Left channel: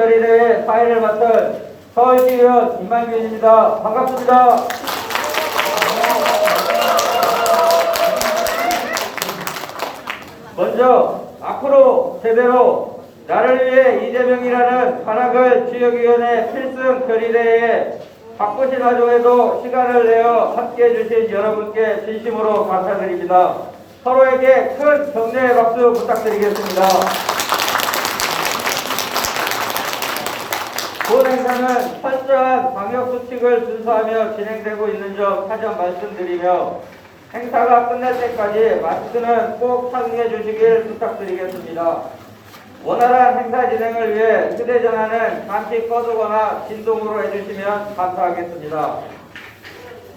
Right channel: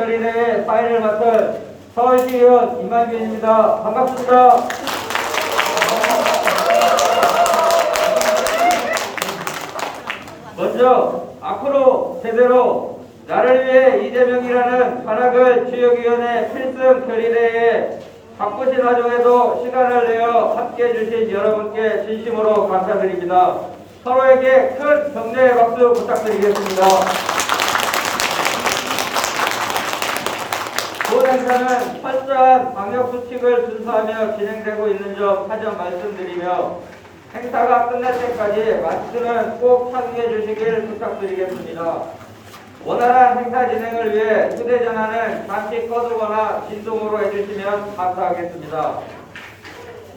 결의대회 사회를 맡은 서울시의원 임만균입니다. 반갑습니다. 먼저 앞으로 제대로 나를 위해 이재명이라는 관악을 지역위원회 필승 결의대회에 바쁘신 와중에도 시간을 내어 함께해 주신 여러분께 진심으로 감사드립니다. 서로에게 큰 격려의 박수 부탁드리겠습니다. 본 행사는 철저한 방역수칙을 준수하며 진행되고 있는 점 사전 말씀드리며 행사가 끝날 때까지 마스크는 꼭 착용해 주시길 부탁드리겠습니다. 원활한 행사 진행을 위해 휴대전화는 잠시 꺼두거나 진동으로 해주시면 감사하겠습니다.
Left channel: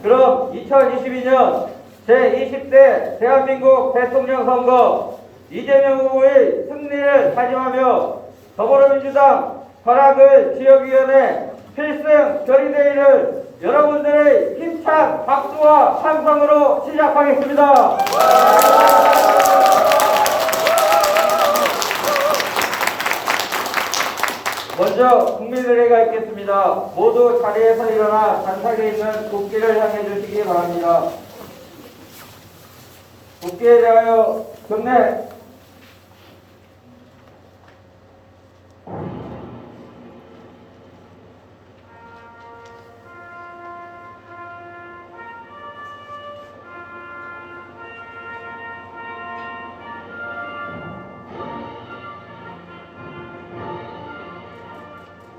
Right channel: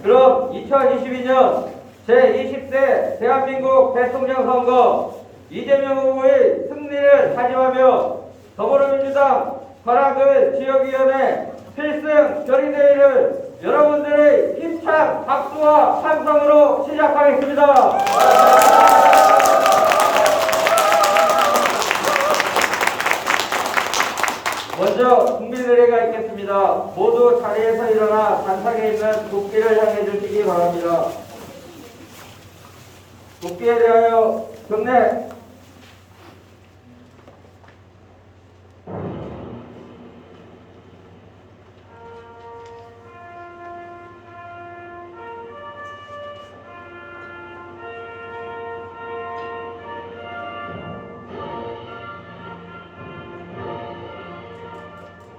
그럼 2022년 제20대 대한민국 대통령 선거 이재명 후보의 승리를 다짐하며 더불어민주당 관악을 지역위원회 필승 결의대회를 여러분들의 힘찬 박수와 찬성으로 시작하겠습니다. 먼저 국민의례가 있겠습니다. 모두 자리에서 일어나 단상에 있는 국기를 향해 주시기 바랍니다. 국기에 대하여 경례.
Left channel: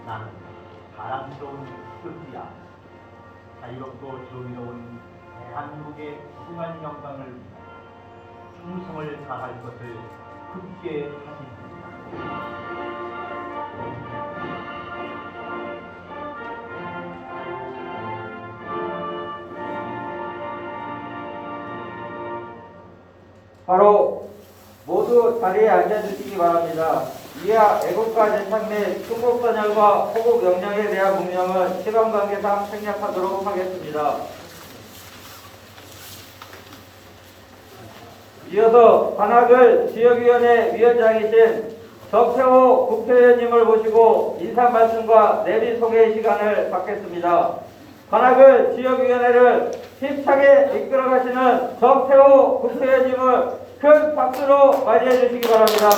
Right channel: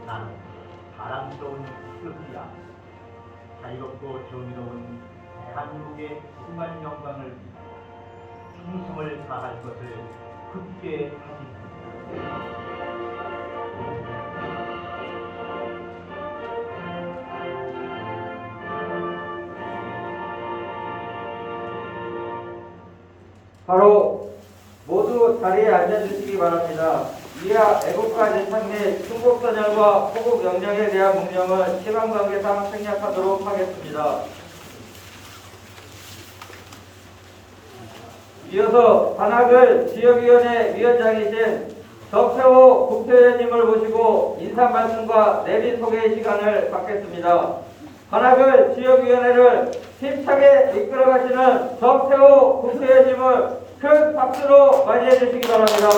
나는 바람스러운 스피야 자유롭고 정의로운 대한민국의 무궁한 영광을 충성을 다할 것을 굳게 다짐합니다. 바로 모두 자리에 앉아주시기 바랍니다. 이하 애국가 재판 및 충북선열과 호국 영령에 대한 문명을 시간관계상 생략하도록 하겠습니다. 이어서 관악을 지역위원회 위원장이신 정태호 국회의원님을 모시고 인사 말씀과 내비 소개 시간을 갖겠습니다. 관악을 지역위원회를 힘차게 이끌어가시는 정태호 국회의원님을 큰 박수로 맞이해 주시기 바랍니다.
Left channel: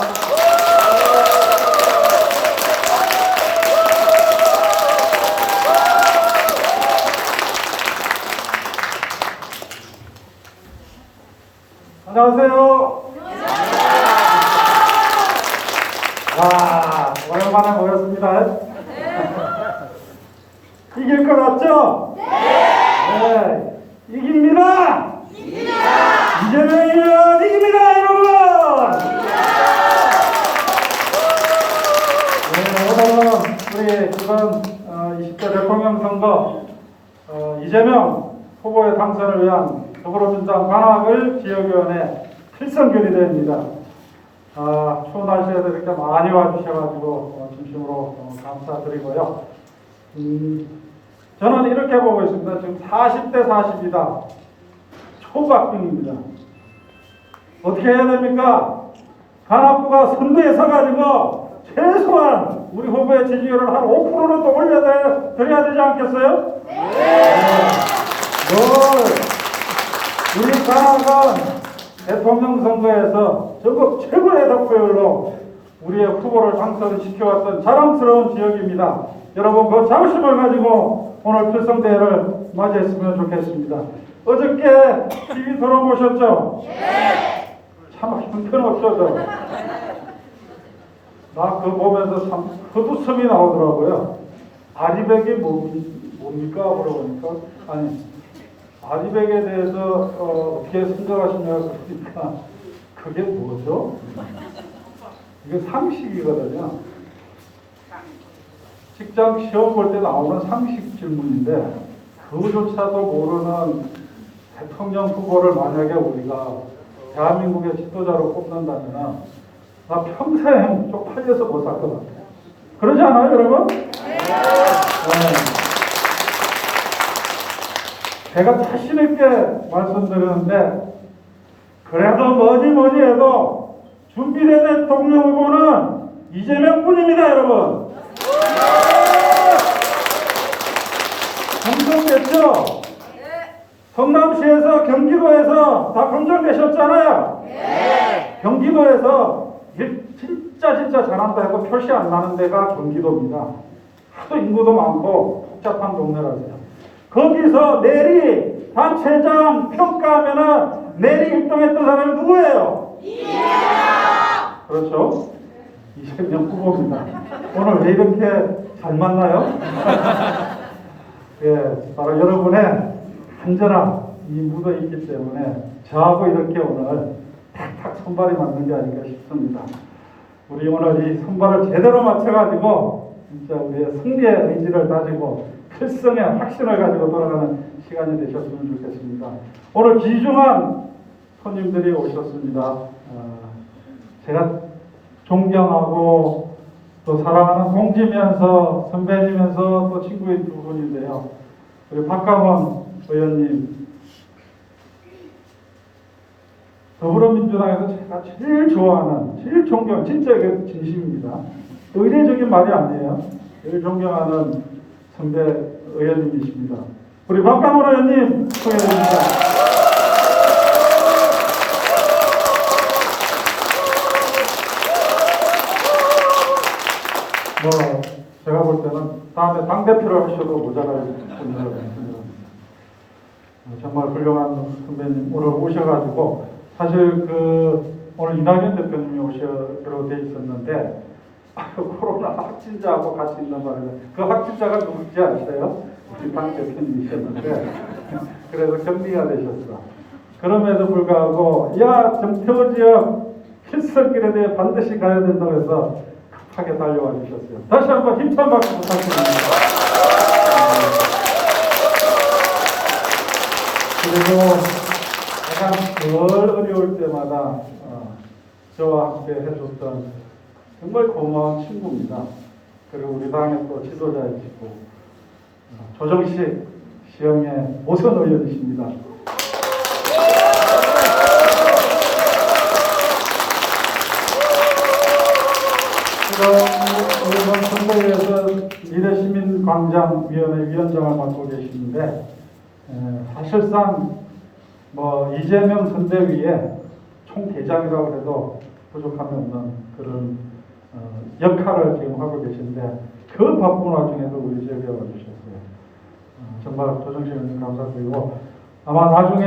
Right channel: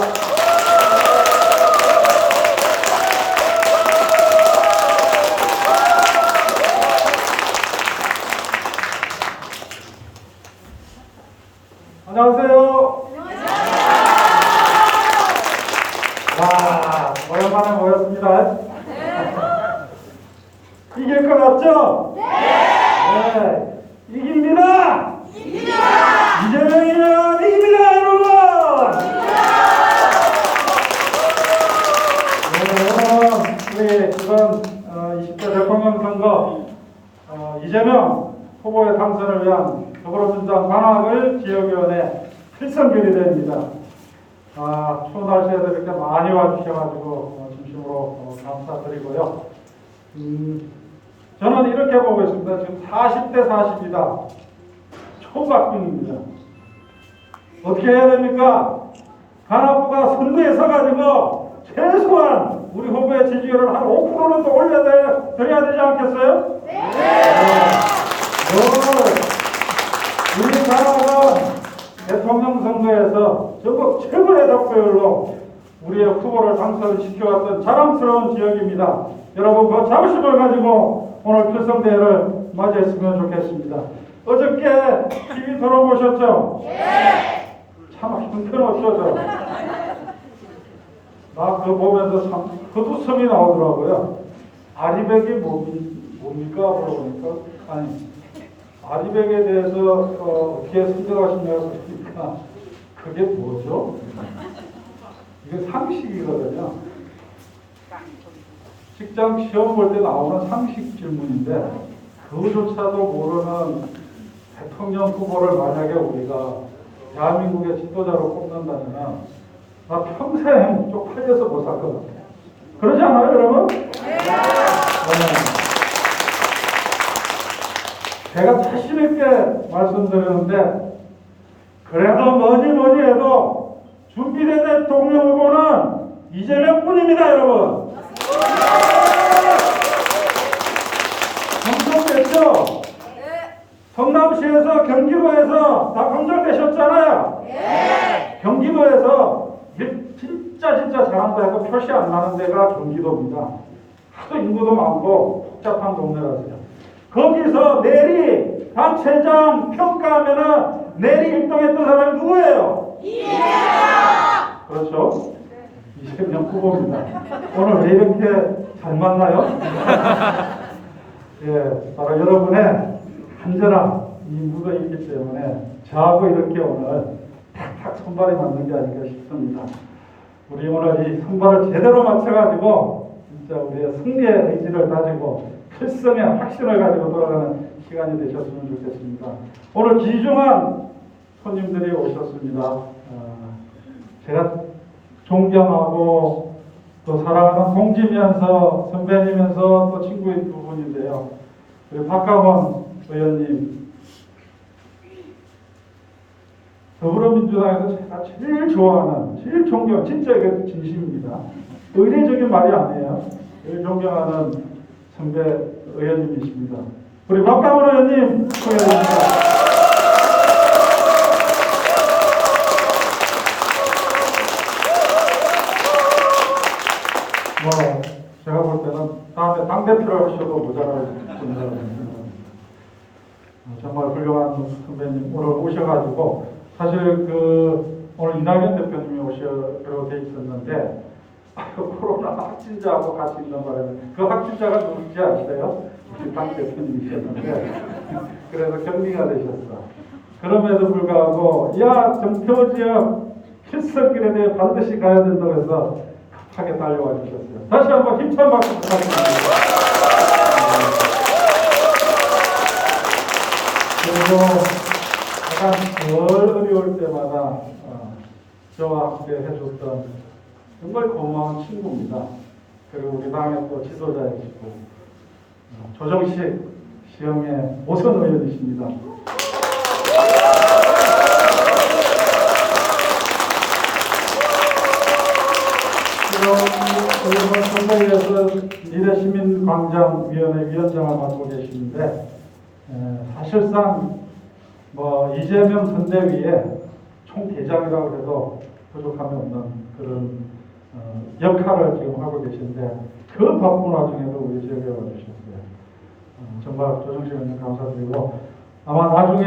안녕하세요. 와, 오랜만에 모였습니다. 이길 것 같죠? 네. 이깁니다. 이재명이면 이깁니다, 여러분. 오늘은 우리 이번 20대 대통령 선거 이재명 후보의 당선을 위한 더불어민주당 관악을 지역위원회 필승 결의대회입니다. 추운 날씨에도 이렇게 많이 와주셔가지고 진심으로 감사드리고요. 저는 이렇게 보고 있습니다. 지금 40대 40이다. 초박빙입니다. 어떻게 해야 됩니까? 관악구가 선거에 서가지고 최소한 우리 후보의 지지율을 한 5%는 더 올려드려야 되지 않겠어요? 우리 관악은 대통령 선거에서 전국 최고의 득표율로 우리의 후보를 당선시켜왔던 자랑스러운 지역입니다. 여러분 그 자부심을 가지고 오늘 필승대회를 맞이했으면 좋겠습니다. 어저께 TV 토론 보셨죠? 네. 참 형편없어서 나 그거 보면서 참 헛웃음이 나오더라고요. 아리백이 뭡니까? 물어보니까 아니 아리백에 대해서 어떻게 생각하시냐고 그러니까 그게 뭐죠? 이게 상식이거든요. 직장 시험 볼 때 나오는 상식 질문인데 그조차도 모르는 대통령 후보를 만약에 우리가 대한민국의 지도자로 뽑는다면 나 평생 쪽팔려서 못 살 것 같아요. 그러지 않아요, 여러분? 네. 제가 자신 있게 말씀드리는데 그래도 뭐니 해도 준비된 대통령 후보는 이재명뿐입니다, 여러분. 그렇죠? 성남시에서 경기도에서 다 선정되셨잖아요. 경기도에서 진짜 잘한다 해서 표시 안 나는 데가 경기도입니다. 하도 인구도 많고 복잡한 동네라서요. 거기서 내리 단체장 평가하면은 내리 1등했던 사람이 누구예요? 그렇죠? 이재명 후보입니다. 오늘 왜 이렇게 잘 만나요? 예, 바로 여러분의 안전한 이 무더위이기 때문에 저하고 이렇게 오늘 탁탁 선발이 맞는 게 아닌가 싶습니다. 우리 오늘 이 선발을 제대로 맞춰가지고 진짜 우리의 승리의 의지를 가지고 필승의 확신을 가지고 돌아가는 시간이 되셨으면 좋겠습니다. 오늘 귀중한 손님들이 오셨습니다. 제가 존경하고 또 사랑하는 동지면서 선배님면서 또 친구인 두 분인데요. 우리 박강원 의원님, 더불어민주당에서 제가 제일 좋아하는, 제일 존경, 진짜 이게 진심입니다. 의례적인 말이 아니에요. 제일 존경하는 선배 의원님이십니다. 우리 박강원 의원님 축하드립니다. 제가 볼 때는 다음에 당대표를 하셔도 모자랄 분이라고 정말 훌륭한 선배님 오늘 오셔가지고 사실 오늘 이낙연 대표님이 오시기로 돼 있었는데 코로나 확진자하고 같이 있는 바람에 그 확진자가 누군지 아세요? 당 대표님이셨는데 그래서 격리가 되셨어. 그럼에도 불구하고 정표 지역 출석길에 대해 반드시 가야 된다고 해서 급하게 달려와 주셨어요. 다시 한번 힘찬 박수 부탁드립니다. 그리고 가장 덜 어려울 때마다 저와 함께 해줬던 정말 고마운 친구입니다. 그리고 우리 당의 또 지도자이시고 조정식 시영의 오선 의원이십니다. 이번 선거에서 미래시민광장위원회 위원장을 맡고 계시는데 사실상 이재명 선대위의 총대장이라고 해도 부족함이 없는 그런 역할을 지금 하고 계신데 그 바쁜 와중에도 우리 지역에 와주셨어요. 정말 조정식 의원님 감사드리고 아마 나중에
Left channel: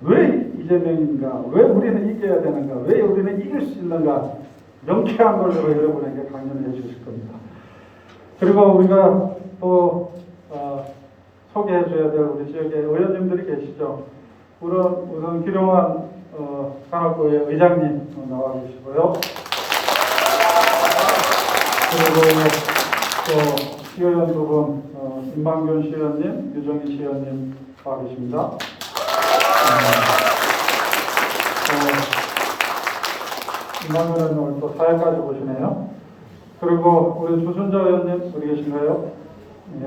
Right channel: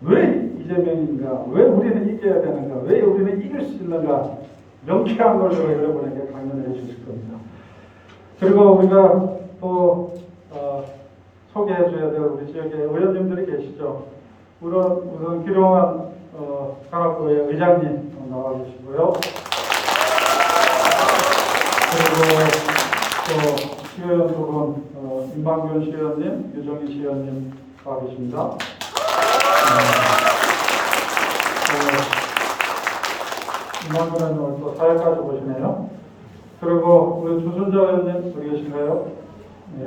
왜 이재명인가, 왜 우리는 이겨야 되는가, 왜 우리는 이길 수 있는가 명쾌한 걸로 여러분에게 강연해 주실 겁니다. 그리고 우리가 또 소개해 줘야 될 우리 지역의 의원님들이 계시죠. 우선 기룡환 산업부의 의장님 나와 계시고요. 그리고 또 시의원 두 분, 임방균 시의원님, 유정희 시의원님 나와 계십니다. 임방균 의원님 오늘 또 사회까지 보시네요. 그리고 우리 주순자 의원님 여기 계신가요? 네,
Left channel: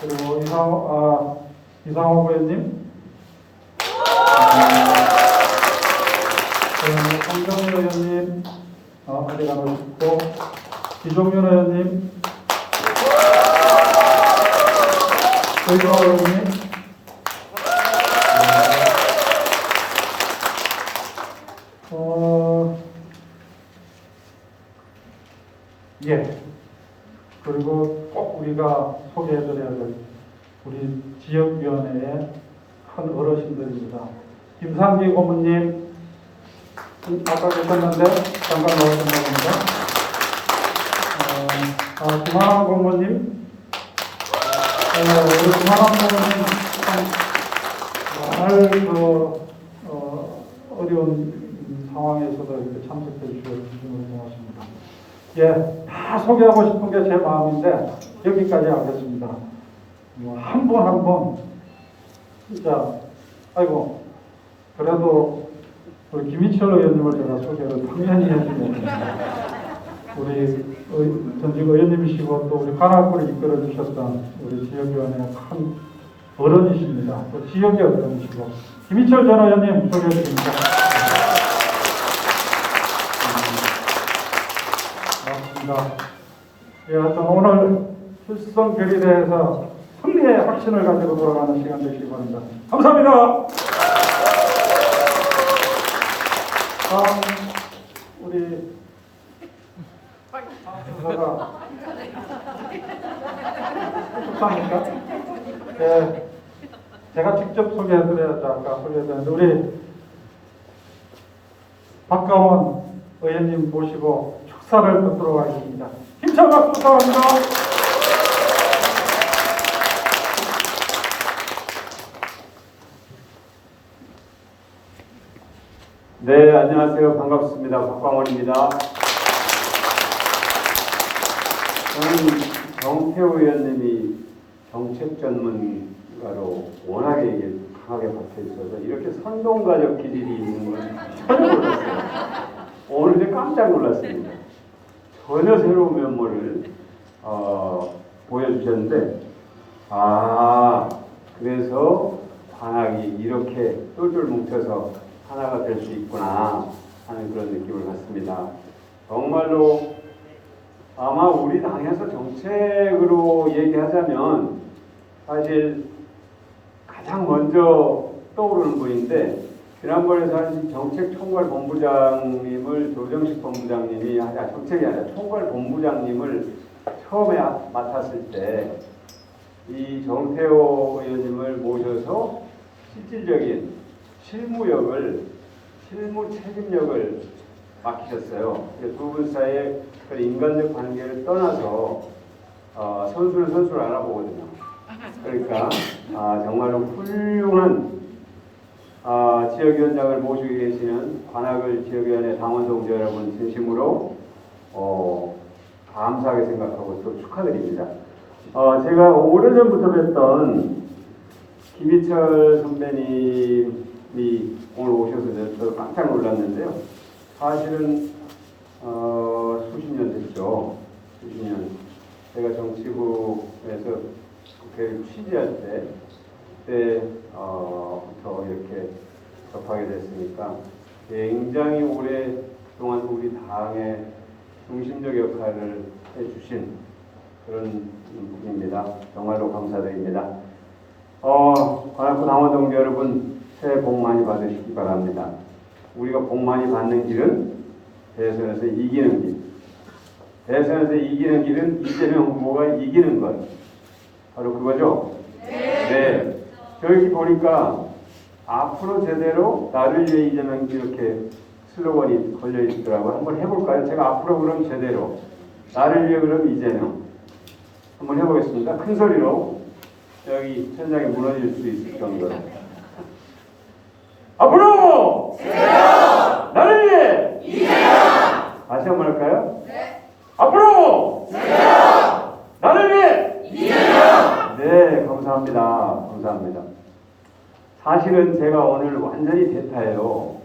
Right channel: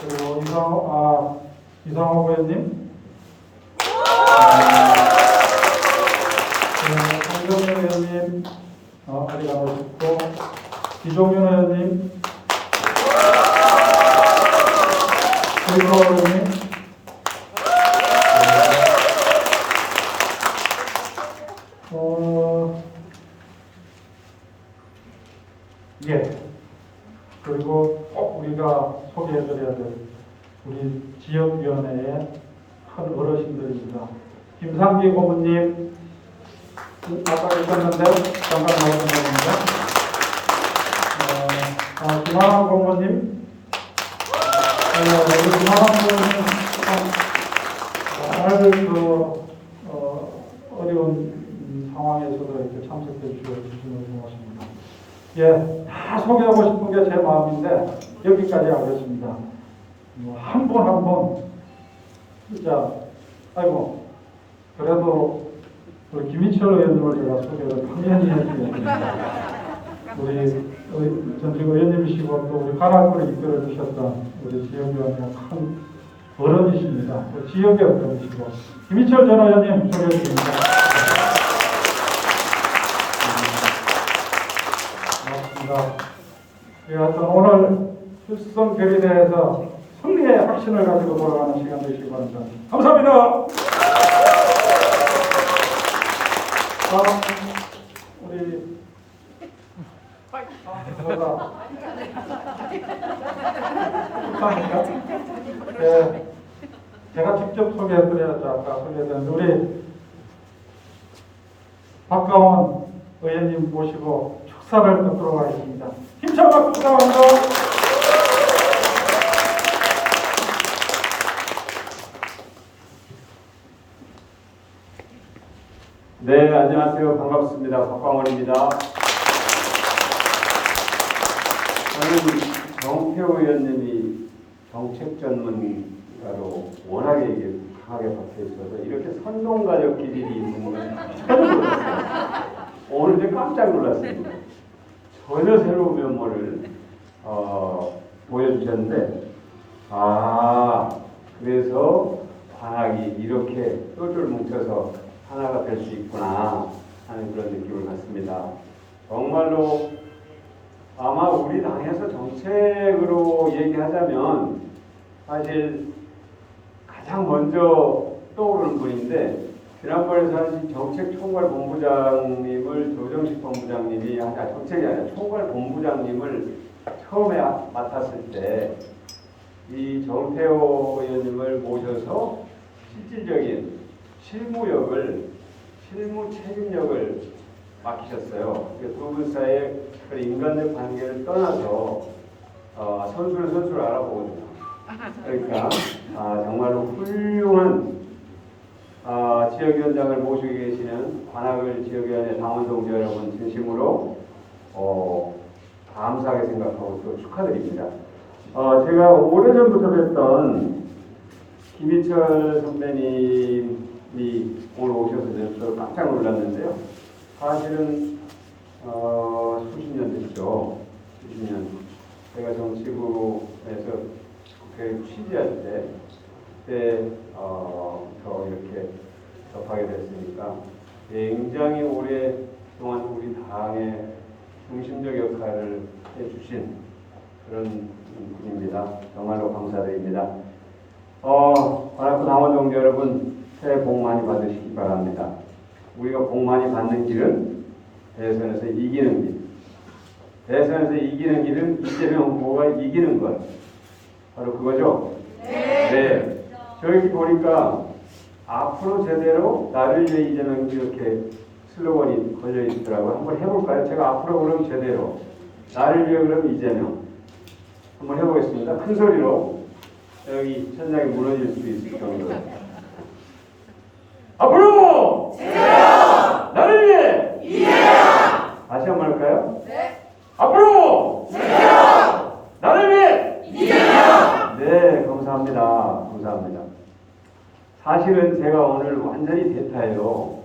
그리고 이상호 의원님, 황정희 의원님, 아직 안 오셨고, 이동윤 의원님, 조희성 의원님, 그리고 꼭 우리가 소개해드려야 될 우리 지역위원회의 큰 어르신들입니다. 김상기 고문님, 아까 계셨는데 잠깐 나오셨는데, 김하남 고문님, 우리 김하남 고문님 참 어려운 상황에서도 이렇게 참석해 주셔서 고맙습니다. 다 소개하고 싶은 게 제 마음인데 여기까지 하겠습니다. 한 분 한 분 진짜 그래도 우리 김희철 의원님을 제가 소개를 당연히 해드리겠습니다. 우리 전직 의원님이시고 또 우리 관악구를 이끌어 주셨던 우리 지역위원회 큰 어른이십니다. 또 지역의 어른이시고 김희철 전 의원님 소개해드립니다. 고맙습니다. 하여튼 오늘 필성 결의대에서 승리의 확신을 가지고 돌아가는 시간 되시기 바랍니다. 감사합니다. 다음 우리 감사합니다. 네, 제가 직접 소개해드려야죠. 아까 소개해드렸는데 우리 박가원 의원님 모시고 축사를 듣도록 하겠습니다. 힘찬 박수 부탁합니다. 네, 안녕하세요. 반갑습니다. 박광원입니다. 저는 정태호 의원님이 정책 전문가로 워낙에 이게 강하게 박혀 있어서 이렇게 선동가족끼리 있는 건 처음 몰랐어요. 오늘 이제 깜짝 놀랐습니다. 전혀 새로운 면모를 보여주셨는데, 그래서 관악이 이렇게 똘똘 뭉쳐서 하나가 될 수 있구나 하는 그런 느낌을 갖습니다. 정말로 아마 우리 당에서 정책으로 얘기하자면 사실 가장 먼저 떠오르는 분인데, 지난번에 정책총괄본부장님을 조정식 본부장님이 정책이 아니라 총괄본부장님을 처음에 맡았을 때 이 정태호 의원님을 모셔서 실질적인 실무 책임력을 맡기셨어요. 두 분 사이의 인간적 관계를 떠나서 선수를 알아보거든요. 그러니까 정말로 훌륭한 지역위원장을 모시고 계시는 관악을 지역위원회 당원 동지 여러분 진심으로 감사하게 생각하고 또 축하드립니다. 제가 오래전부터 뵀던 김희철 선배님이 오늘 오셔서 저도 깜짝 놀랐는데요. 사실은 수십 년 됐죠. 수십 년. 제가 정치부에서 국회를 취재할 그때부터 이렇게 접하게 됐으니까 굉장히 오랫동안 우리 당의 중심적 역할을 해주신 그런 분입니다. 정말로 감사드립니다. 관악구 당원 동지 여러분, 새해 복 많이 받으시기 바랍니다. 우리가 복 많이 받는 길은 대선에서 이기는 길. 대선에서 이기는 길은 이재명 후보가 이기는 것. 바로 그거죠? 네. 저기 보니까 앞으로 제대로 나를 위해 이재명 이렇게 슬로건이 걸려 있더라고요. 한번 해볼까요? 제가 앞으로 그럼 제대로. 나를 위해 그럼 이재명. 한번 해보겠습니다. 큰 소리로. 여기 천장이 무너질 수도 있을 정도로. 앞으로! 제대로! 나를 위해! 이재명! 다시 한번 할까요? 네. 앞으로! 제대로! 나를 위해! 이재명! 네, 감사합니다. 감사합니다. 사실은 제가 오늘 완전히 대타예요.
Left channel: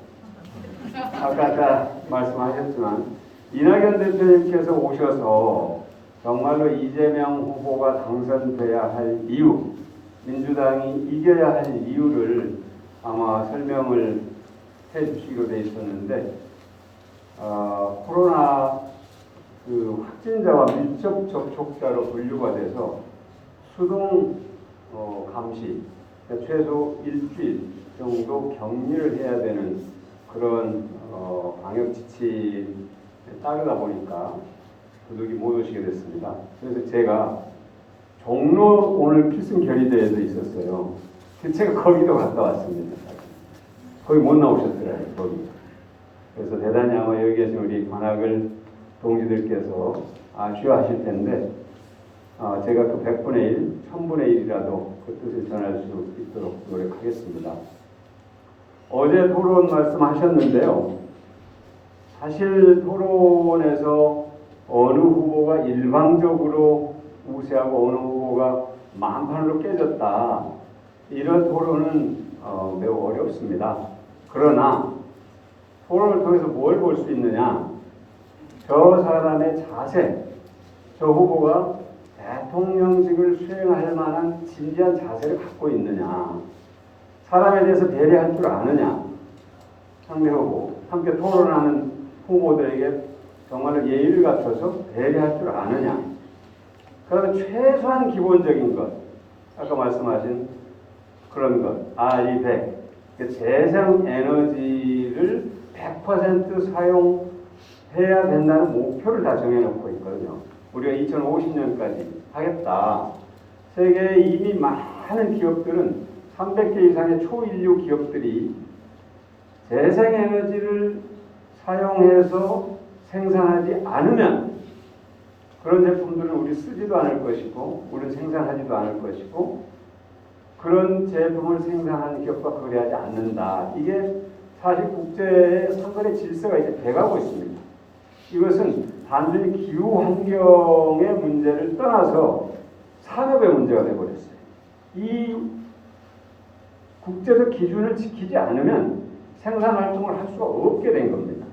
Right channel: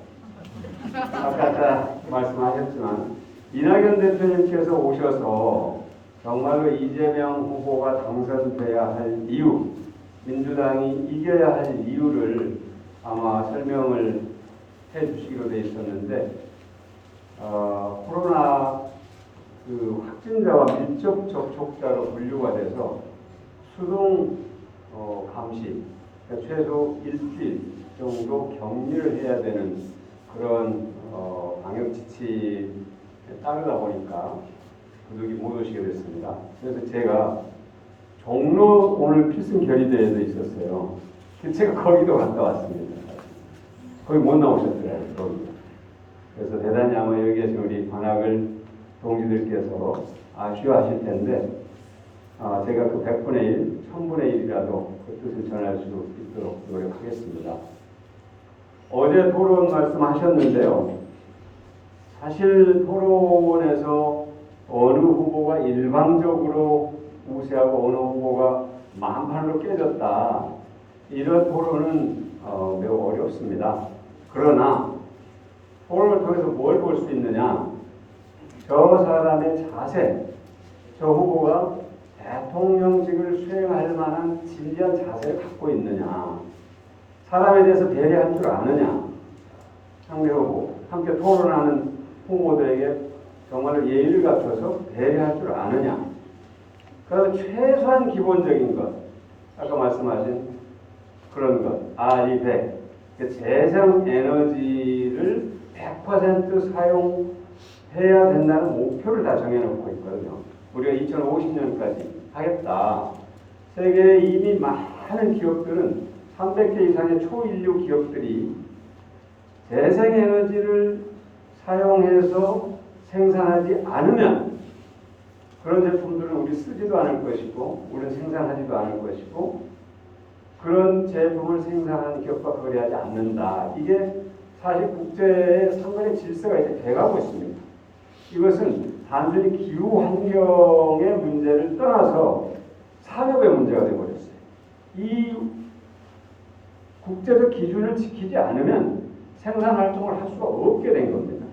아까 말씀하셨지만 이낙연 대표님께서 오셔서 정말로 이재명 후보가 당선돼야 할 이유, 민주당이 이겨야 할 이유를 아마 설명을 해주시기로 되어 있었는데, 코로나 확진자와 밀접 접촉자로 분류가 돼서 수동 감시, 최소 일주일 정도 격리를 해야 되는 그런 방역 지침에 따르다 보니까 부득이 못 오시게 됐습니다. 그래서 제가 종로 오늘 필승 결의대회에서 있었어요. 제가 거기도 갔다 왔습니다. 거기 못 나오셨더라고요. 거기. 그래서 대단히 아마 여기에서 우리 관악을 동지들께서 아쉬워하실 텐데, 제가 그 100분의 1, 1000분의 1이라도 그 뜻을 전할 수 있도록 노력하겠습니다. 어제 토론 말씀하셨는데요. 사실 토론에서 어느 후보가 일방적으로 우세하고 어느 후보가 만판으로 깨졌다, 이런 토론은 매우 어렵습니다. 그러나 토론을 통해서 뭘 볼 수 있느냐, 저 사람의 자세, 저 후보가 대통령직을 수행할 만한 진지한 자세를 갖고 있느냐, 사람에 대해서 배려할 줄 아느냐, 상대하고 함께 토론하는 후보들에게 정말 예의를 갖춰서 배려할 줄 아느냐, 그래서 최소한 기본적인 것, 아까 말씀하신 그런 것, RE100, 재생 에너지를 100% 사용해야 된다는 목표를 다 정해놓고 있거든요. 우리가 2050년까지 하겠다. 세계에 이미 많은 기업들은 300개 이상의 초인류 기업들이 재생에너지를 사용해서 생산하지 않으면 그런 제품들을 우리 쓰지도 않을 것이고 우리는 생산하지도 않을 것이고 그런 제품을 생산하는 기업과 거래하지 않는다. 이게 사실 국제의 상당히 질서가 이렇게 돼가고 있습니다. 이것은 단순히 기후 환경의 문제를 떠나서 산업의 문제가 되어버렸어요. 이 국제적 기준을 지키지 않으면 생산 활동을 할 수가 없게 된 겁니다.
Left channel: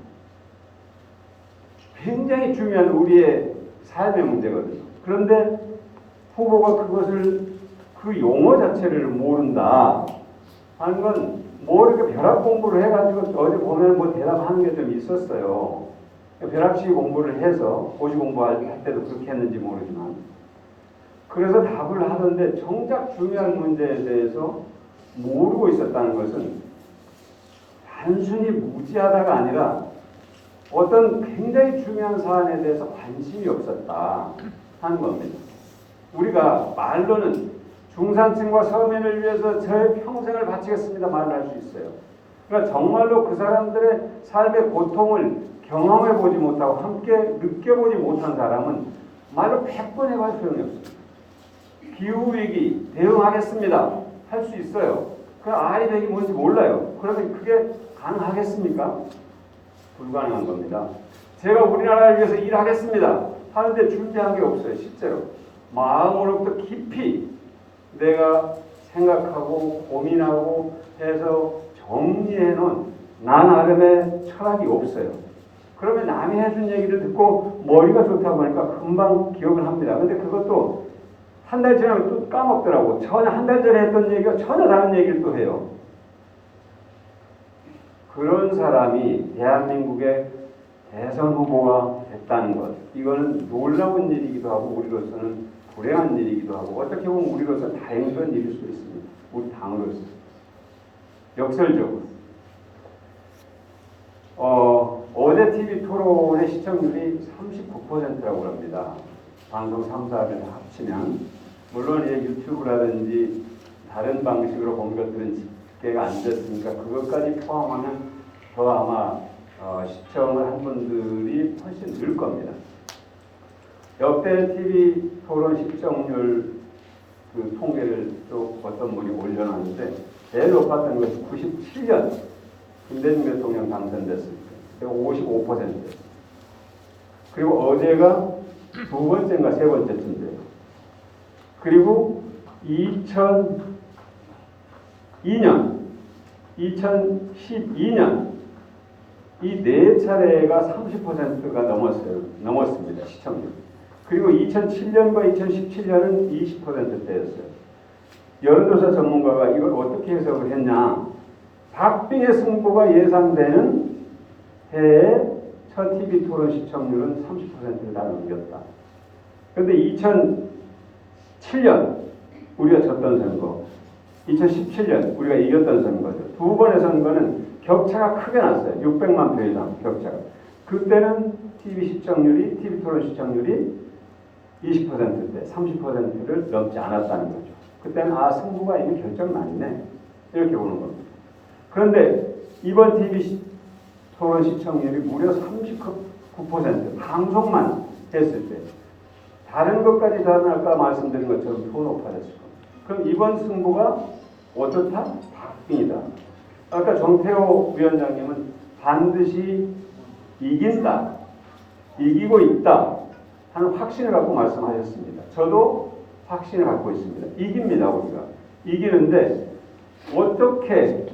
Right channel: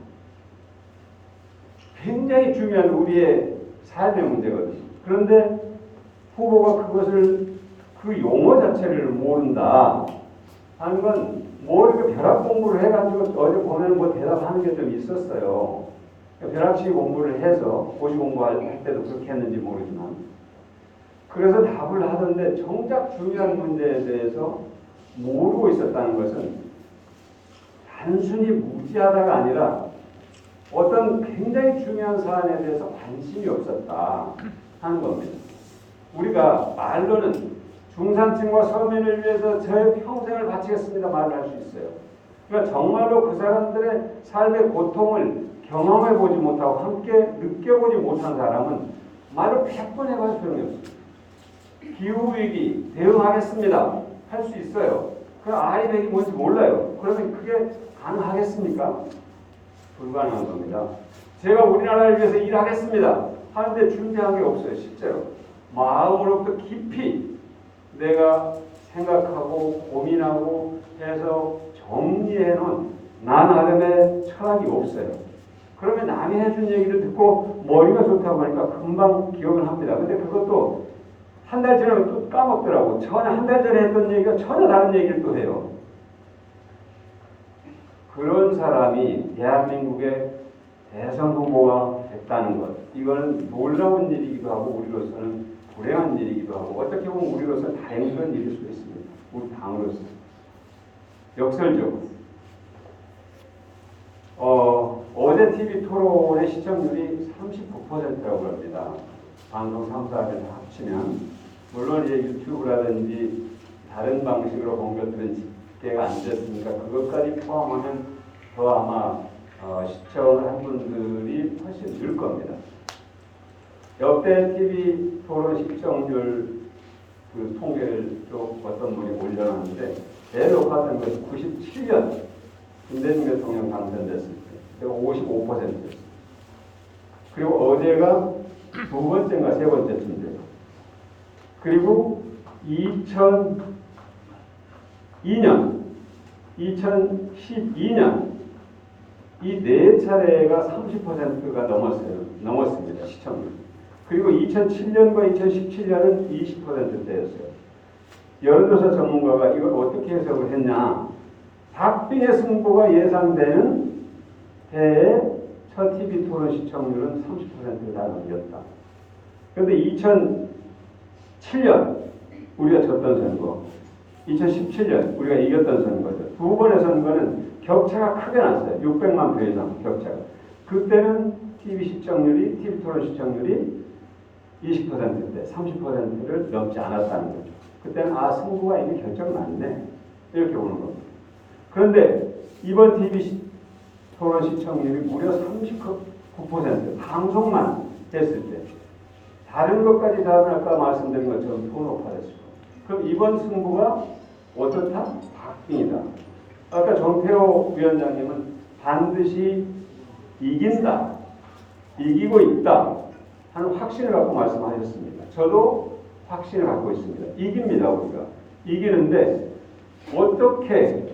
굉장히 중요한 우리의 삶의 문제거든요. 그런데 후보가 그것을 그 용어 자체를 모른다 하는 건 뭐 이렇게 벼락 공부를 해가지고 어제 보면 뭐 대답하는 게 좀 있었어요. 벼락치기 공부를 해서 고시 공부할 때도 그렇게 했는지 모르지만 그래서 답을 하던데 정작 중요한 문제에 대해서 모르고 있었다는 것은 단순히 무지하다가 아니라 어떤 굉장히 중요한 사안에 대해서 관심이 없었다 하는 겁니다. 우리가 말로는 중산층과 서민을 위해서 제 평생을 바치겠습니다 말을 할 수 있어요. 그러니까 정말로 그 사람들의 삶의 고통을 경험해 보지 못하고 함께 느껴보지 못한 사람은 말로 100번 해봐도 소용이 없습니다. 기후위기 대응하겠습니다 할 수 있어요. 그 아이들이 뭔지 몰라요. 그러면 그게 가능하겠습니까? 불가능한 겁니다. 제가 우리나라를 위해서 일하겠습니다 하는데 준비한 게 없어요. 실제로 마음으로부터 깊이 내가 생각하고 고민하고 해서 정리해놓은 나 나름의 철학이 없어요. 그러면 남이 해준 얘기를 듣고 머리가 좋다고 하니까 금방 기억을 합니다. 근데 그것도 한 달 지나면 또 까먹더라고. 전에 한 달 전에 했던 얘기가 전혀 다른 얘기를 또 해요. 그런 사람이 대한민국의 대선 후보가 됐다는 것, 이거는 놀라운 일이기도 하고 우리로서는 불행한 일이기도 하고 어떻게 보면 우리로서는 다행스러운 일일 수 있습니다. 우리 당으로서. 역설적으로 어제 TV 토론의 시청률이 39%라고 합니다. 방송 3, 4를 다 합치면 물론 이제 유튜브라든지 다른 방식으로 본 것들은 집계가 안 됐으니까 그것까지 포함하면 더 아마 시청을 한 분들이 훨씬 늘 겁니다. 역대 TV 토론 시청률 그 통계를 또 어떤 분이 올려놨는데 제일 높았던 것이 97년 김대중 대통령 당선됐을 때 55%였어요. 그리고 어제가 두 번째인가 세 번째쯤 돼요. 그리고 2002년, 2012년 이 네 차례가 30%가 넘었습니다. 시청률. 그리고 2007년과 2017년은 20%대였어요. 여론조사 전문가가 이걸 어떻게 해석을 했냐. 박빙의 승부가 예상되는 해에 첫 TV 토론 시청률은 30%를 다 넘겼다. 그런데 2007년 우리가 졌던 선거, 2017년 우리가 이겼던 선거죠. 두 번의 선거는 격차가 크게 났어요. 600만 표 이상 격차가. 그때는 TV 토론 시청률이 20%대, 30%를 넘지 않았다는 거죠. 그때는 승부가 이미 결정났네. 이렇게 보는 겁니다. 그런데 이번 TV 토론 시청률이 무려 39%, 방송만 했을 때 다른 것까지 다 아까 말씀드린 것처럼 더 높아졌습니다. 그럼 이번 승부가 어떻다? 박빙이다. 아까 정태호 위원장님은 반드시 이긴다, 이기고 있다 하는 확신을 갖고 말씀하셨습니다. 저도 확신을 갖고 있습니다. 이깁니다. 우리가 이기는데 어떻게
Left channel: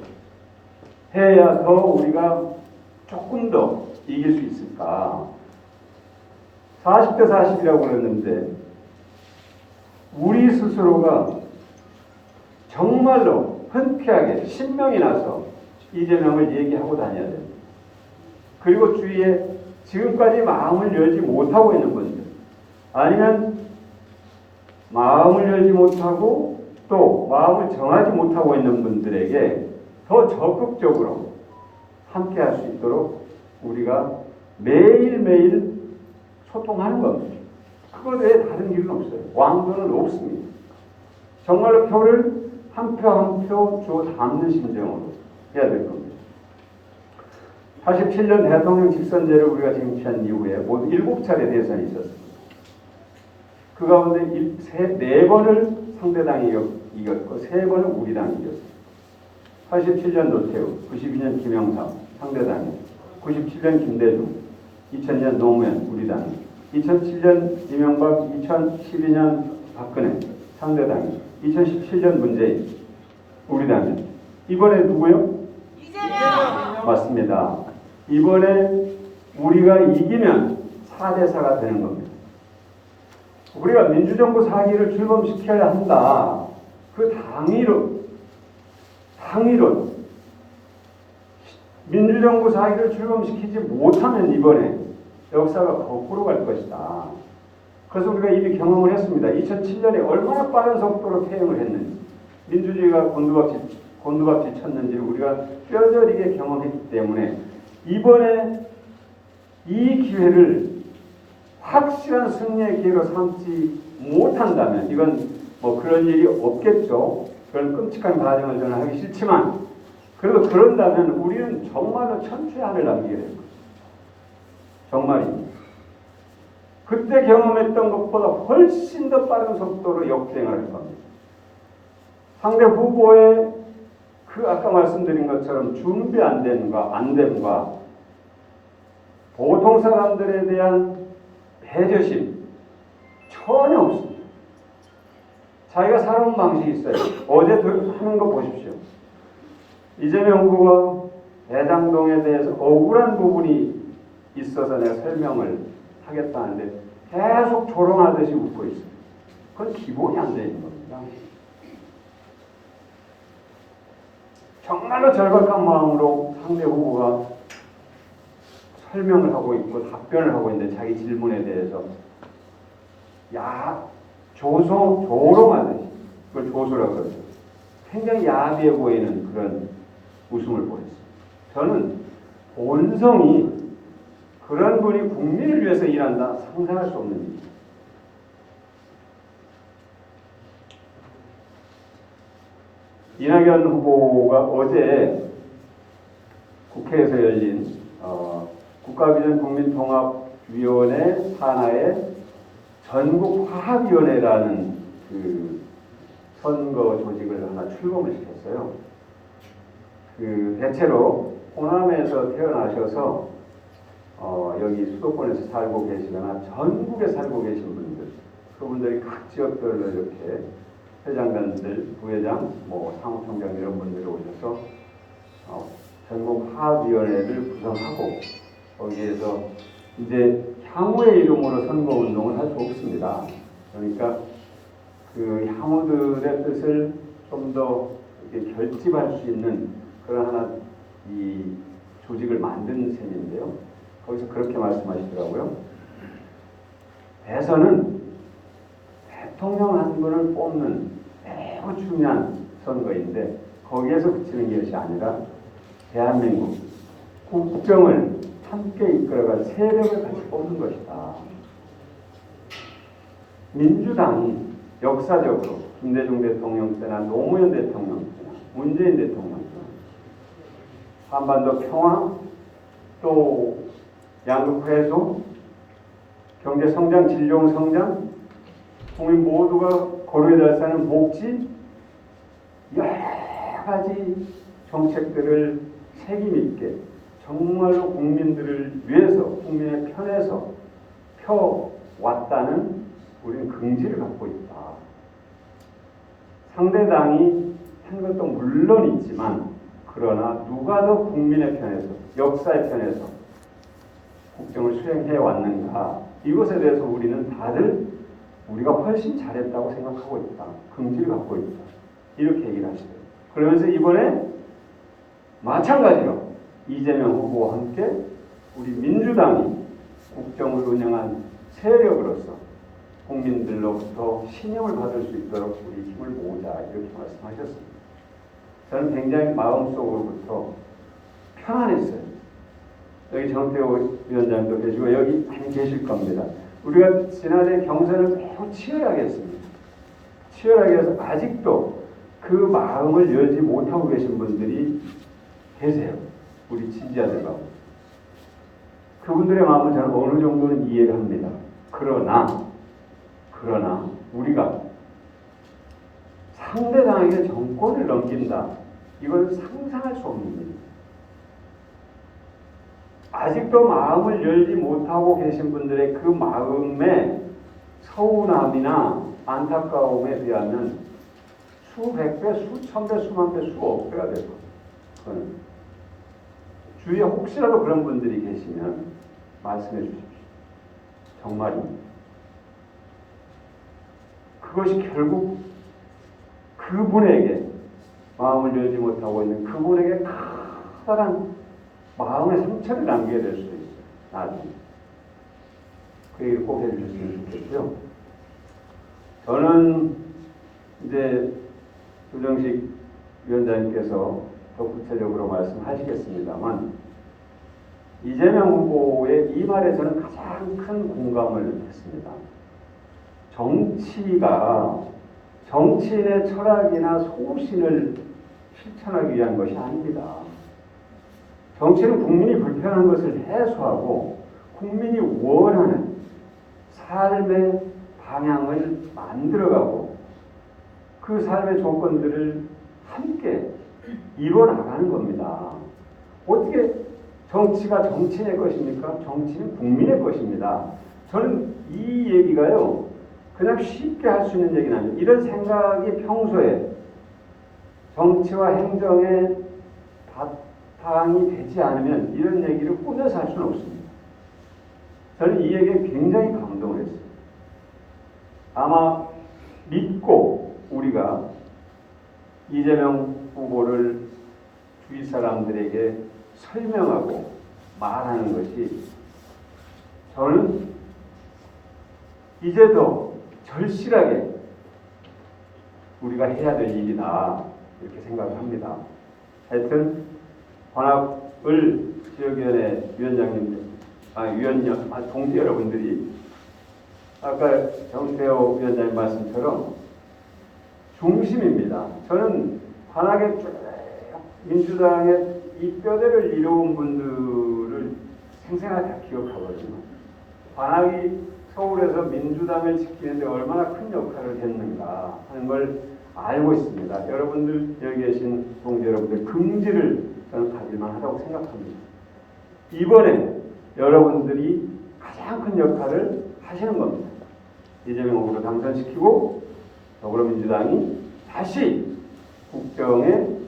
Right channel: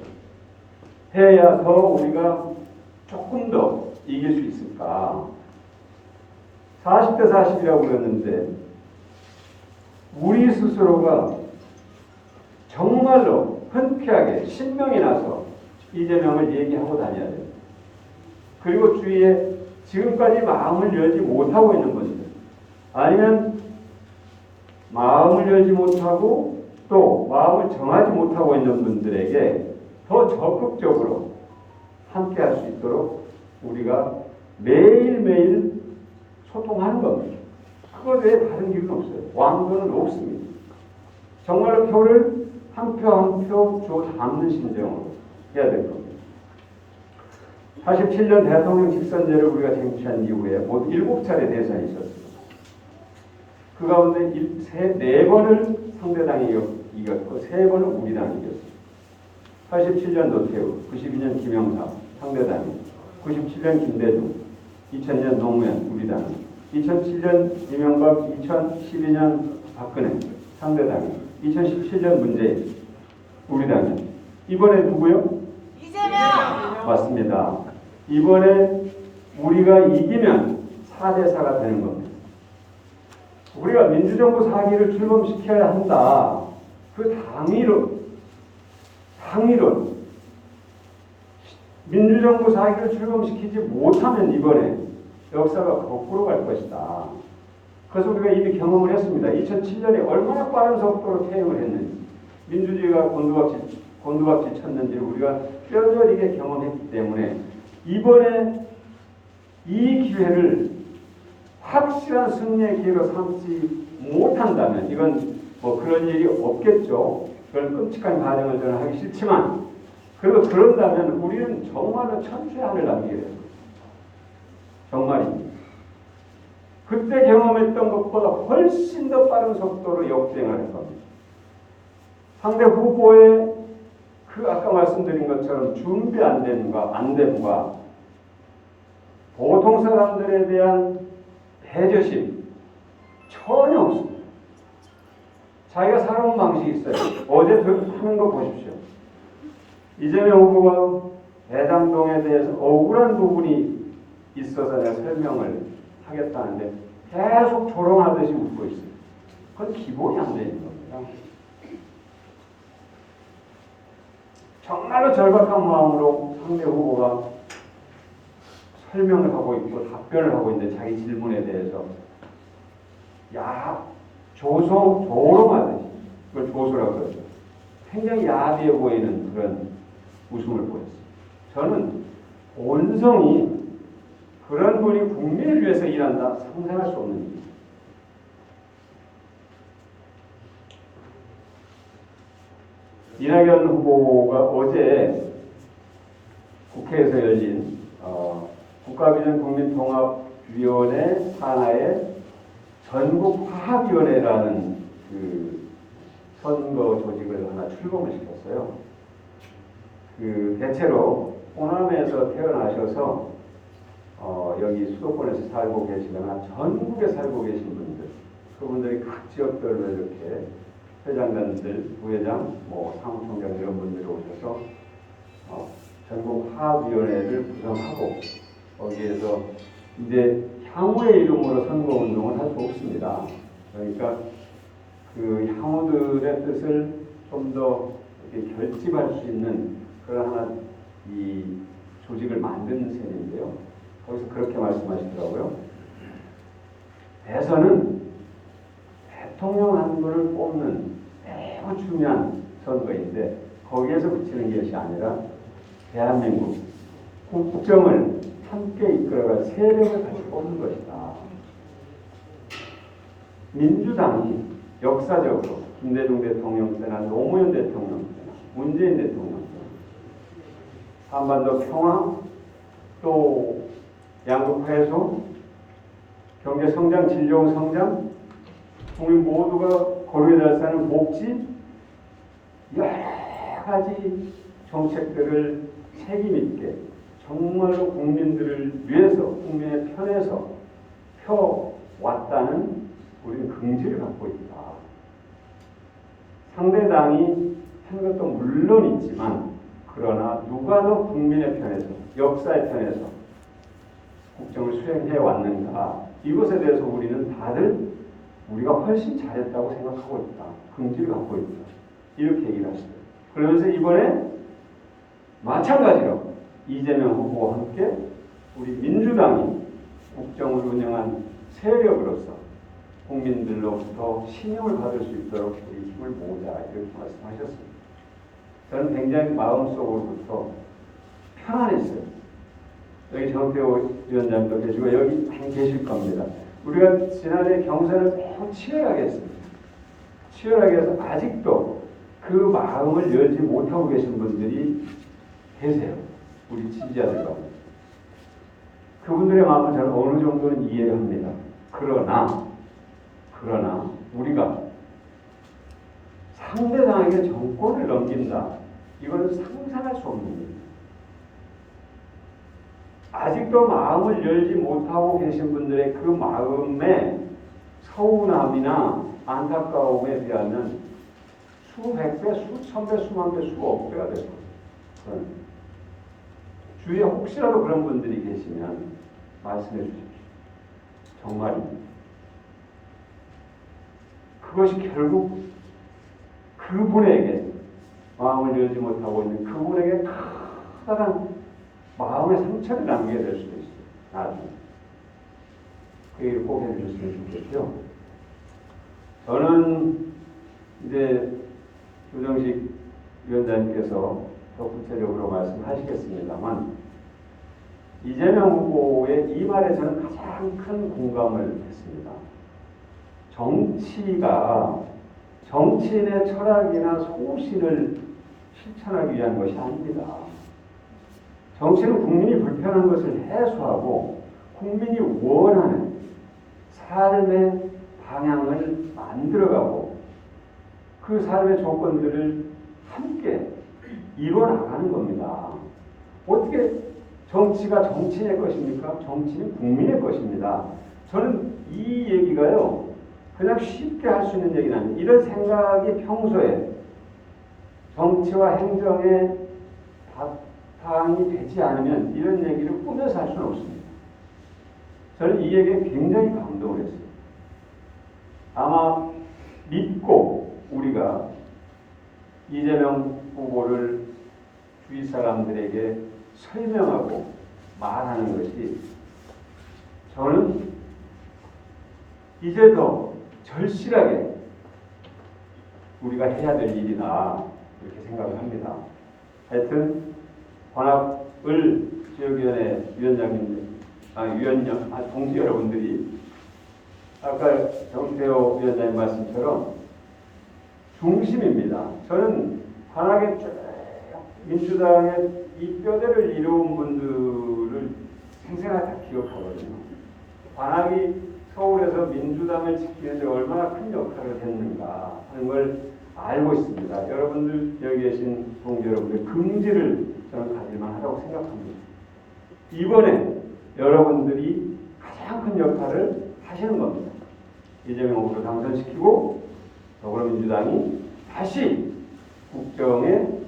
해야 더 우리가 조금 더 이길 수 있을까? 40대 40이라고 그랬는데 우리 스스로가 정말로 흔쾌하게 신명이 나서 이재명을 얘기하고 다녀야 돼요. 그리고 주위에 지금까지 마음을 열지 못하고 있는 분들, 아니면 마음을 열지 못하고 또 마음을 정하지 못하고 있는 분들에게 더 적극적으로 함께할 수 있도록 우리가 매일매일 소통하는 겁니다. 그거 외에 다른 일은 없어요. 왕도는 없습니다. 정말로 표를 한 표 한 표 줘 담는 심정으로 해야 될 겁니다. 87년 대통령 직선제를 우리가 쟁취한 이후에 모두 7차례 대선이 있었습니다. 그 가운데 4번을 상대당이 이겼고 3번은 우리 당이 이겼습니다. 87년 노태우, 92년 김영삼 상대당이, 97년 김대중, 2000년 노무현 우리 당이, 2007년 이명박, 2012년 박근혜 상대당이, 2017년 문재인 우리 당이. 이번에 누구요? 이재명. 맞습니다. 이번에 우리가 이기면 4대4가 되는 겁니다. 우리가 민주정부 4기를 출범시켜야 한다. 그 당위로 민주정부 4기를 출범시키지 못하면 이번에 역사가 거꾸로 갈 것이다. 그래서 우리가 이미 경험을 했습니다. 2007년에 얼마나 빠른 속도로 퇴임을 했는지, 민주주의가 곤두박질 쳤는지 우리가 뼈저리게 경험했기 때문에 이번에 이 기회를 확실한 승리의 기회로 삼지 못한다면, 이건 뭐 그런 일이 없겠죠. 그런 끔찍한 가정을 저는 하기 싫지만, 그래도 그런다면 우리는 정말로 천태한을 남기게 됩니다. 정말입니다. 그때 경험했던 것보다 훨씬 더 빠른 속도로 역주행할 겁니다. 상대 후보의 그 아까 말씀드린 것처럼 준비 안 됨과 보통 사람들에 대한 배려심 전혀 없습니다. 자기가 살아온 방식이 있어요. 어제 하는 거 보십시오. 이재명 후보가 대장동에 대해서 억울한 부분이 있어서 내가 설명을 하겠다는데 계속 조롱하듯이 웃고 있어요. 그건 기본이 안 되는 겁니다. 정말로 절박한 마음으로 상대 후보가 설명을 하고 있고 답변을 하고 있는데 자기 질문에 대해서 조롱하는 그걸 조소라고 해서 굉장히 야비해 보이는 그런 웃음을 보였어요. 저는 본성이 그런 분이 국민을 위해서 일한다 상상할 수 없는 일입니다. 이낙연 후보가 어제 국회에서 열린 국가비전 국민통합위원회 산하의 전국화합위원회라는 그 선거 조직을 하나 출범을 시켰어요. 그 대체로 호남에서 태어나셔서 여기 수도권에서 살고 계시거나 전국에 살고 계신 분들, 그분들이 각 지역별로 이렇게 회장관들, 부회장, 사무총장 이런 분들이 오셔서 전국화합위원회를 구성하고 거기에서 이제 향후의 이름으로 선거운동을 할 수 없습니다. 그러니까 그 향후들의 뜻을 좀 더 결집할 수 있는 그런 하나 이 조직을 만드는 셈인데요. 거기서 그렇게 말씀하시더라고요. 대선은 대통령 한 분을 뽑는 매우 중요한 선거인데 거기에서 그치는 것이 아니라 대한민국 국정을 함께 이끌어갈 세력을 다시 뽑는 것이다. 민주당이 역사적으로 김대중 대통령 때나 노무현 대통령 때나 문재인 대통령 때나 한반도 평화, 또 양극 해소, 경제 성장, 질 좋은 성장, 국민 모두가 고루에 달사는 복지, 여러 가지 정책들을 책임 있게 정말로 국민들을 위해서, 국민의 편에서 펴왔다는 우리는 긍지를 갖고 있다. 상대당이 한 것도 물론 있지만, 그러나 누가 더 국민의 편에서, 역사의 편에서 국정을 수행해 왔는가, 이것에 대해서 우리는 다들 우리가 훨씬 잘했다고 생각하고 있다. 긍지를 갖고 있다. 이렇게 얘기를 하시더라고요. 그러면서 이번에 마찬가지로 이재명 후보와 함께 우리 민주당이 국정을 운영한 세력으로서 국민들로부터 신용을 받을 수 있도록 우리 힘을 모으자 이렇게 말씀하셨습니다. 저는 굉장히 마음속으로부터 편안했어요. 여기 정태호 위원장님도 계시고 여기 계실 겁니다. 우리가 지난해 경선을 매우 치열하게 했습니다. 치열하게 해서 아직도 그 마음을 열지 못하고 계신 분들이 계세요. 우리 지지자들 가운데. 그분들의 마음은 저는 어느 정도는 이해를 합니다. 그러나 우리가 상대방에게 정권을 넘긴다. 이건 상상할 수 없는 일입니다. 아직도 마음을 열지 못하고 계신 분들의 그 마음의 서운함이나 안타까움에 비하면 수백 배, 수천 배, 수만 배, 수억 배가 되죠. 주위에 혹시라도 그런 분들이 계시면 말씀해 주십시오. 정말입니다. 그것이 결국 그분에게 마음을 열지 못하고 있는 그분에게 커다란 마음의 상처를 남기게 될 수도 있어요. 나중에. 그 얘기를 꼭 해주셨으면 좋겠고요. 저는 이제 조정식 위원장님께서 더 구체적으로 말씀하시겠습니다만 이재명 후보의 이 말에 저는 가장 큰 공감을 했습니다. 정치가 정치인의 철학이나 소신을 실천하기 위한 것이 아닙니다. 정치는 국민이 불편한 것을 해소하고 국민이 원하는 삶의 방향을 만들어가고 그 삶의 조건들을 함께 이뤄나가는 겁니다. 어떻게 정치가 정치인의 것입니까? 정치는 국민의 것입니다. 저는 이 얘기가요, 그냥 쉽게 할 수 있는 얘기는 아니에요. 이런 생각이 평소에 정치와 행정에 바탕이 되지 않으면 이런 얘기를 꾸며서 할 수는 없습니다. 저는 이 얘기에 굉장히 감동을 했어요. 아마 믿고 우리가 이재명 후보를 주위 사람들에게 설명하고 말하는 것이 저는 이제 더 절실하게 우리가 해야 될 일이다 이렇게 생각을 합니다. 하여튼 관악을 지역위원회 위원장님, 동지 여러분들이 아까 정태호 위원장님 말씀처럼 중심입니다. 저는 관악의 민주당의 이 뼈대를 이루은 분들을 생생하게 다 기억하거든요. 관악이 서울에서 민주당을 지키는데 얼마나 큰 역할을 했는가 하는 걸 알고 있습니다. 여러분들 여기 계신 동지 여러분들 긍지를 저는 가질만 하다고 생각합니다. 이번에 여러분들이 가장 큰 역할을 하시는 겁니다. 이재명 후보를 당선시키고 더불어민주당이 다시 국정의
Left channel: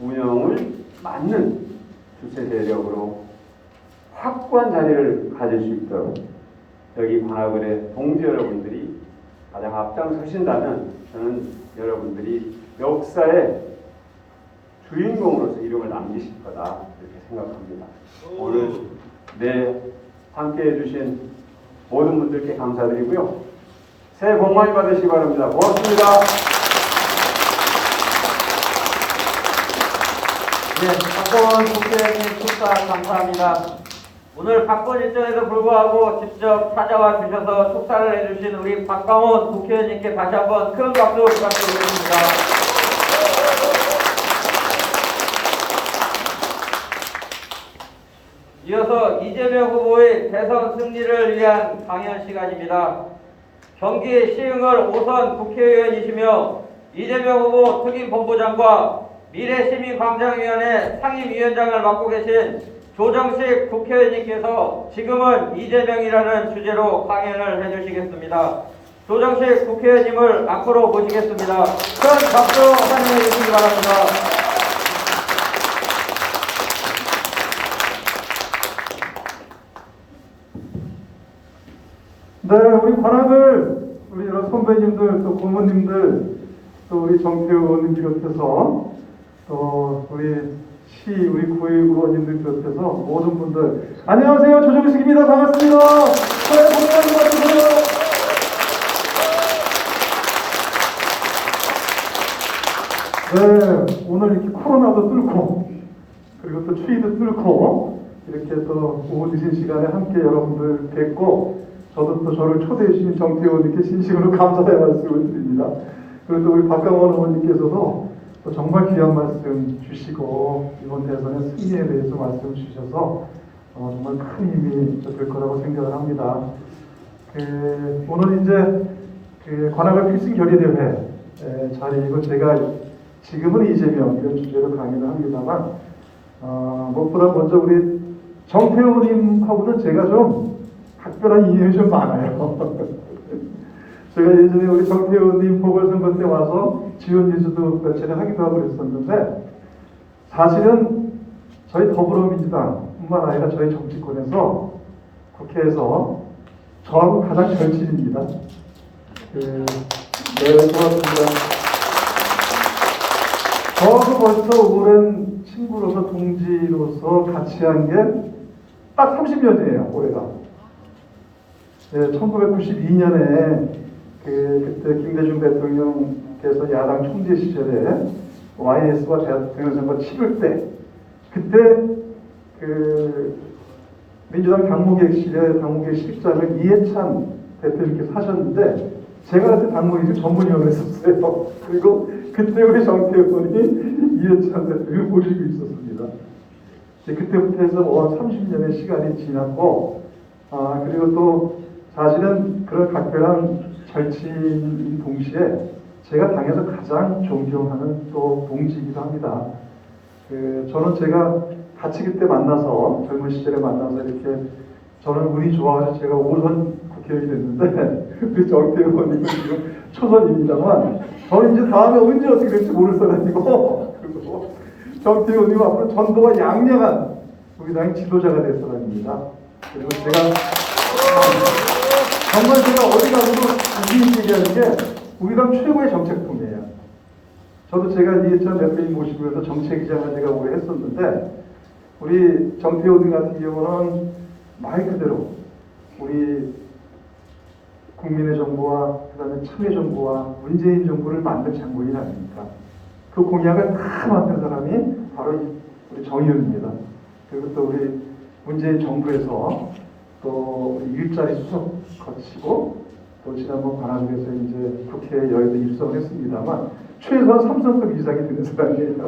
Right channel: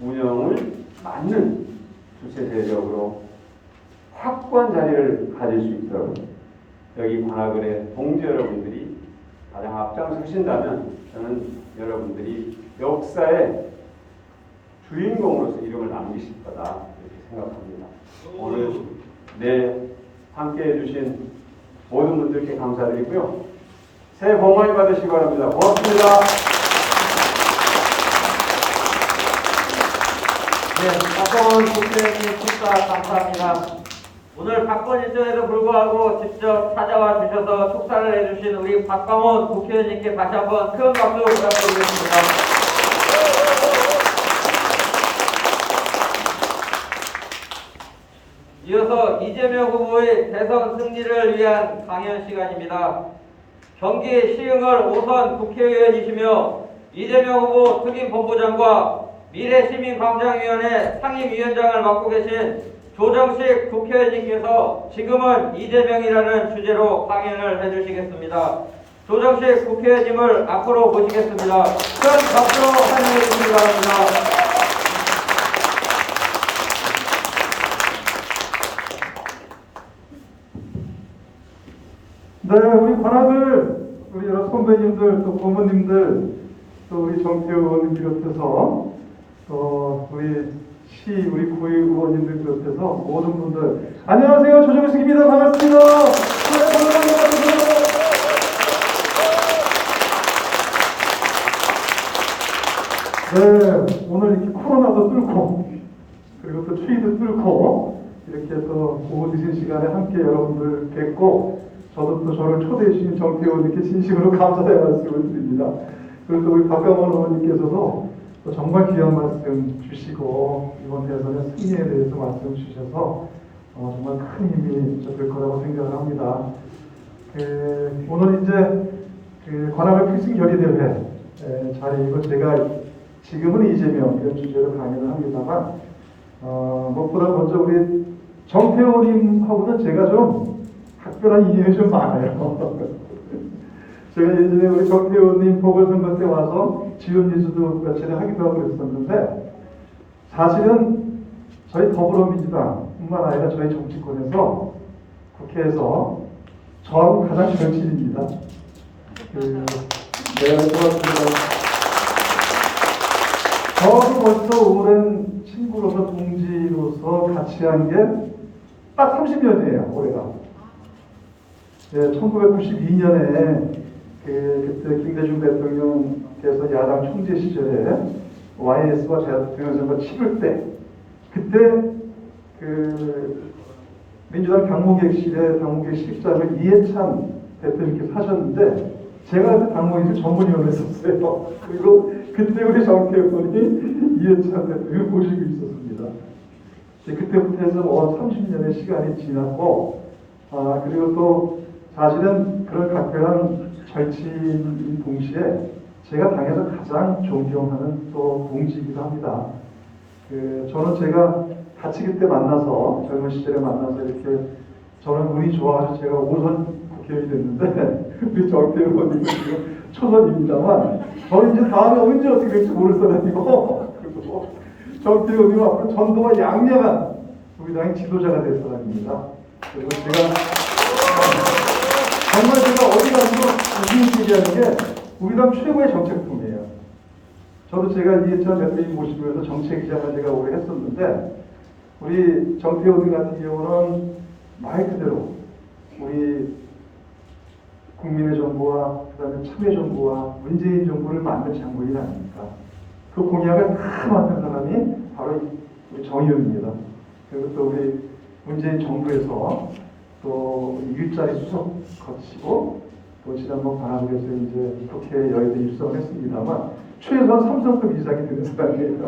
운영을 맞는 주체 세력으로 확고한 자리를 가질 수 있도록 여기 관악을의 동지 여러분들이 가장 앞장서신다면 저는 여러분들이 역사의 주인공으로서 이름을 남기실 거다 이렇게 생각합니다. 오늘 함께 해주신 모든 분들께 감사드리고요. 새해 복 많이 받으시기 바랍니다. 고맙습니다. 네, 박광훈 국회의원님 축사 감사합니다. 오늘 바쁜 일정에도 불구하고 직접 찾아와 주셔서 축사를 해주신 우리 박광훈 국회의원님께 다시 한번 큰 박수 부탁드리겠습니다. 이어서 이재명 후보의 대선 승리를 위한 강연 시간입니다. 경기 시흥을 5선 국회의원이시며 이재명 후보 특임본부장과 미래시민광장위원회 상임위원장을 맡고 계신 조정식 국회의원님께서 지금은 이재명이라는 주제로 강연을 해주시겠습니다. 조정식 국회의원님을 앞으로 모시겠습니다. 큰 박수로 환영해 주시기 바랍니다. 네, 우리 관악을 우리 여러 선배님들 또 고모님들 또 우리 정태호 의원님 비롯해서 또 우리 우리 구의 의원님들 비롯해서 모든 분들 안녕하세요, 조정식입니다. 반갑습니다. 네, 반갑습니다. 만에 함께 여러분들 뵙고 저도 또 저를 초대해 주신 정태호님께 진심으로 감사의 말씀을 드립니다. 그리고 또 우리 박강원 의원님께서도 또 정말 귀한 말씀 주시고 이번 대선의 승리에 대해서 말씀 주셔서 정말 큰 힘이 될 거라고 생각을 합니다. 오늘 이제 관악을 필승 결의대회 자리이고 제가 지금은 이재명 이런 주제로 강의를 합니다만 무엇보다 먼저 우리 정태호님하고는 제가 좀 각별한 인연이 좀 많아요. 제가 예전에 우리 정태호님 보궐선거 때 와서 지원 리스도 며칠을 하기도 하고 그랬었는데 사실은 저희 더불어민주당뿐만 아니라 저희 정치권에서 국회에서 저하고 가장 절친입니다. 네, 그렇습니다. 저하고 벌써 오랜 친구로서 동지로서 같이 한 게 딱 30년이에요, 올해가. 네, 1992년에 그때 김대중 대통령께서 야당 총재 시절에 YS와 대통령 선거 치를 때 그때 민주당 당무객실에 당무객실장을 이해찬 대표님께서 하셨는데 제가 그때 당무객실 전문위원을 했었어요. 그리고 그때 우리 정태호 의원이 이해찬 대표를 모시고 있었습니다. 그때부터 해서 30년의 시간이 지났고 그리고 또 사실은 그런 각별한 절친인 동시에 제가 당에서 가장 존경하는 또 동지이기도 합니다. 저는 제가 같이 그때 만나서 젊은 시절에 만나서 이렇게 저는 운이 좋아서 제가 5선 국회의원이 됐는데 우리 정태호 의원님은 지금 초선입니다만 저는 이제 다음에 언제 어떻게 될지 모를 사람이고 그리고 정태호 의원님 앞으로 전도가 양양한 우리 당의 지도자가 될 사람입니다. 그리고 제가 정말 제가 어디 가서도 우리 얘기하는 게 우리 당 최고의 정책통이에요. 저도 제가 이해찬 대표님 모시면서 정책기장을 제가 오래 했었는데 우리 정태호 의원 같은 경우는 말 그대로 우리 국민의 정부와 그다음에 참여 정부와 문재인 정부를 만든 장본인 아닙니까? 그 공약을 다 만든 사람이 바로 우리 정 의원입니다. 그리고 또 우리 문재인 정부에서 또 일자리 수석 거치고 또 지난번 관악에서 이제 국회 여의도 입성을 했습니다만 최소한 삼성급 이상이 되는 사람이에요.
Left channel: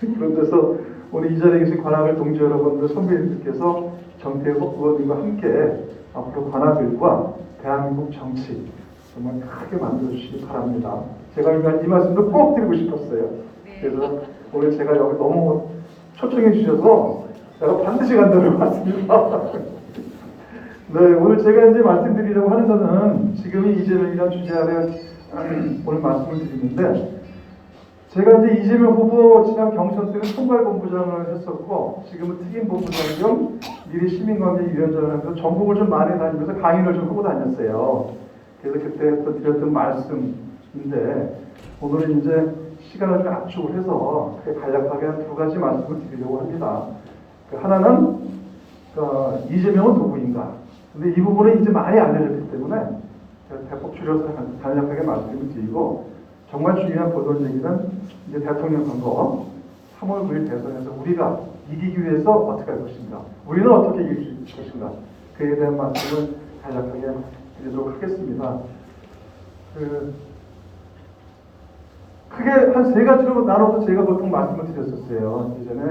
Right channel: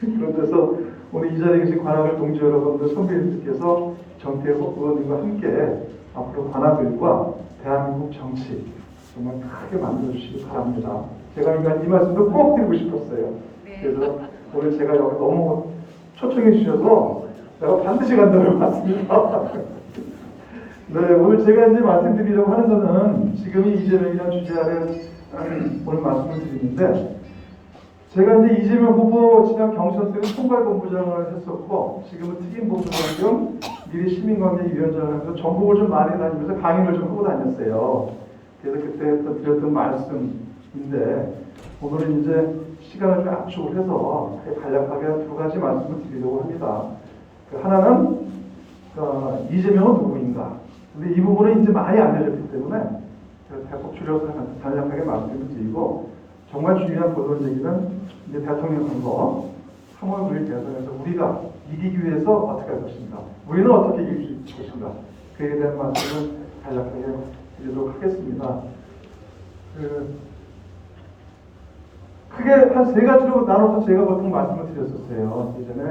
그런데서 오늘 이 자리에 계신 관악을 동지 여러분들 선배님들께서 정태호 의원님과 함께 앞으로 관악을과 대한민국 정치 정말 크게 만들어주시기 바랍니다. 제가 이 말씀도 꼭 드리고 싶었어요. 그래서 오늘 제가 여기 너무 초청해 주셔서 제가 반드시 간다고 왔습니다. 네, 오늘 제가 이제 말씀드리려고 하는 거는 지금이 이재명이라는 주제 아래 오늘 말씀을 드리는데 제가 이제 이재명 후보 지난 경선 때는 총괄본부장을 했었고 지금은 특임본부장 겸 미래 시민관계위원장을 하면서 전국을 좀 많이 다니면서 강의를 좀 하고 다녔어요. 그래서 그때 또 드렸던 말씀인데 오늘은 이제 시간을 좀 압축을 해서 간략하게 두 가지 말씀을 드리려고 합니다. 하나는 이재명은 누구인가? 근데 이 부분은 이제 많이 알려졌기 때문에 대폭 줄여서 간략하게 말씀을 드리고 정말 중요한 본론 얘기는 이제 대통령 선거 3월 9일 대선에서 우리가 이기기 위해서 어떻게 할 것인가? 우리는 어떻게 이길 것인가? 그에 대한 말씀을 간략하게 드리도록 하겠습니다. 크게 한 세 가지로 나눠서 제가 보통 말씀을 드렸었어요. 예전에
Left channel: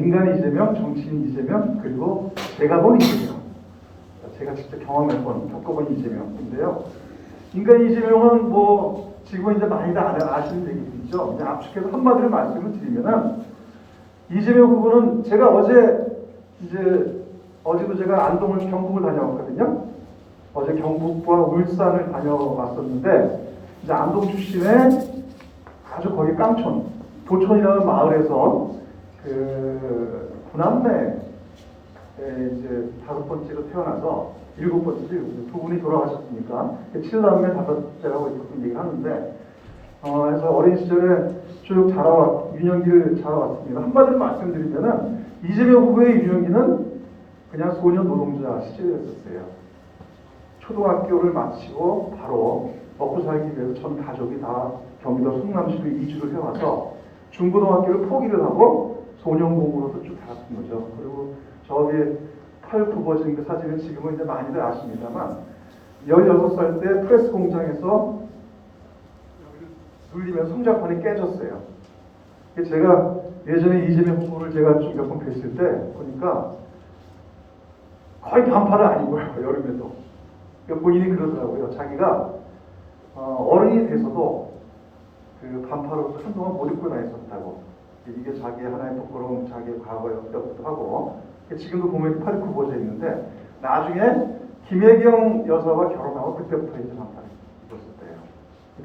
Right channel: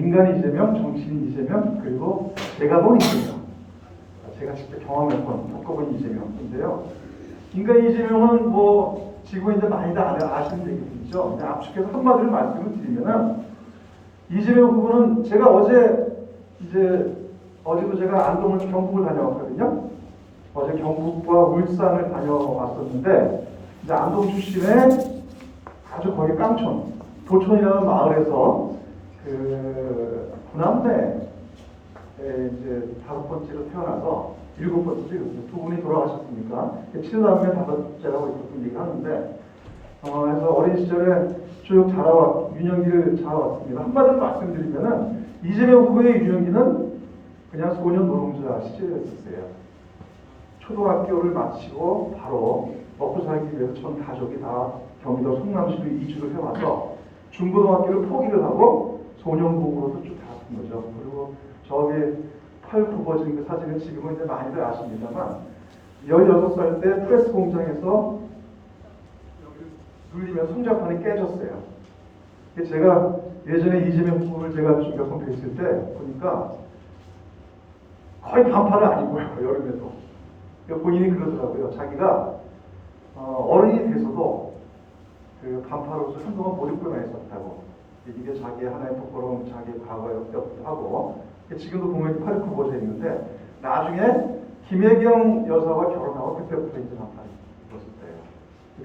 인간 이재명, 정치인 이재명, 그리고 제가 본 이재명. 제가 직접 경험해본, 겪어본 이재명인데요. 인간 이재명은 지금은 이제 많이들 아시는 얘기죠. 그냥 압축해서 한마디로 말씀을 드리면은 이재명 후보는 제가 어제도 제가 안동을 경북을 다녀왔거든요. 어제 경북과 울산을 다녀왔었는데 이제 안동 출신의 아주 거기 깡촌, 도촌이라는 마을에서 구남매 이제 5번째로 태어나서 7번째로 두 분이 돌아가셨으니까 7남매 5번째라고 보통 얘기하는데 그래서 어린 시절에 쭉 유년기를 자라왔습니다. 한마디로 말씀드리면은 이재명 후보의 유년기는 그냥 소년 노동자 시절이었어요. 초등학교를 마치고 바로 먹고 살기 위해서 전 가족이 다 경기도 성남시로 이주를 해와서 중고등학교를 포기를 하고 소년공으로서 쭉 자랐던 거죠. 그리고 저기 8, 9버진 그 사진은 지금은 이제 많이들 아십니다만 16살 때 프레스 공장에서 눌리면 송장판이 깨졌어요. 제가 예전에 이재명 후보를 제가 좀 몇 번 뵀을 때 보니까 거의 반팔은 아닌 거예요. 여름에도. 본인이 그러더라고요. 자기가 어른이 돼서도 그 반팔옷을 한동안 못 입고 다녔었다고. 이게 자기의 하나의 부끄러운 자기의 과거였기도 하고, 지금도 보면 8, 9버져 있는데 나중에 김혜경 여사와 결혼하고 그때부터 이제 반팔 입었을 때예요.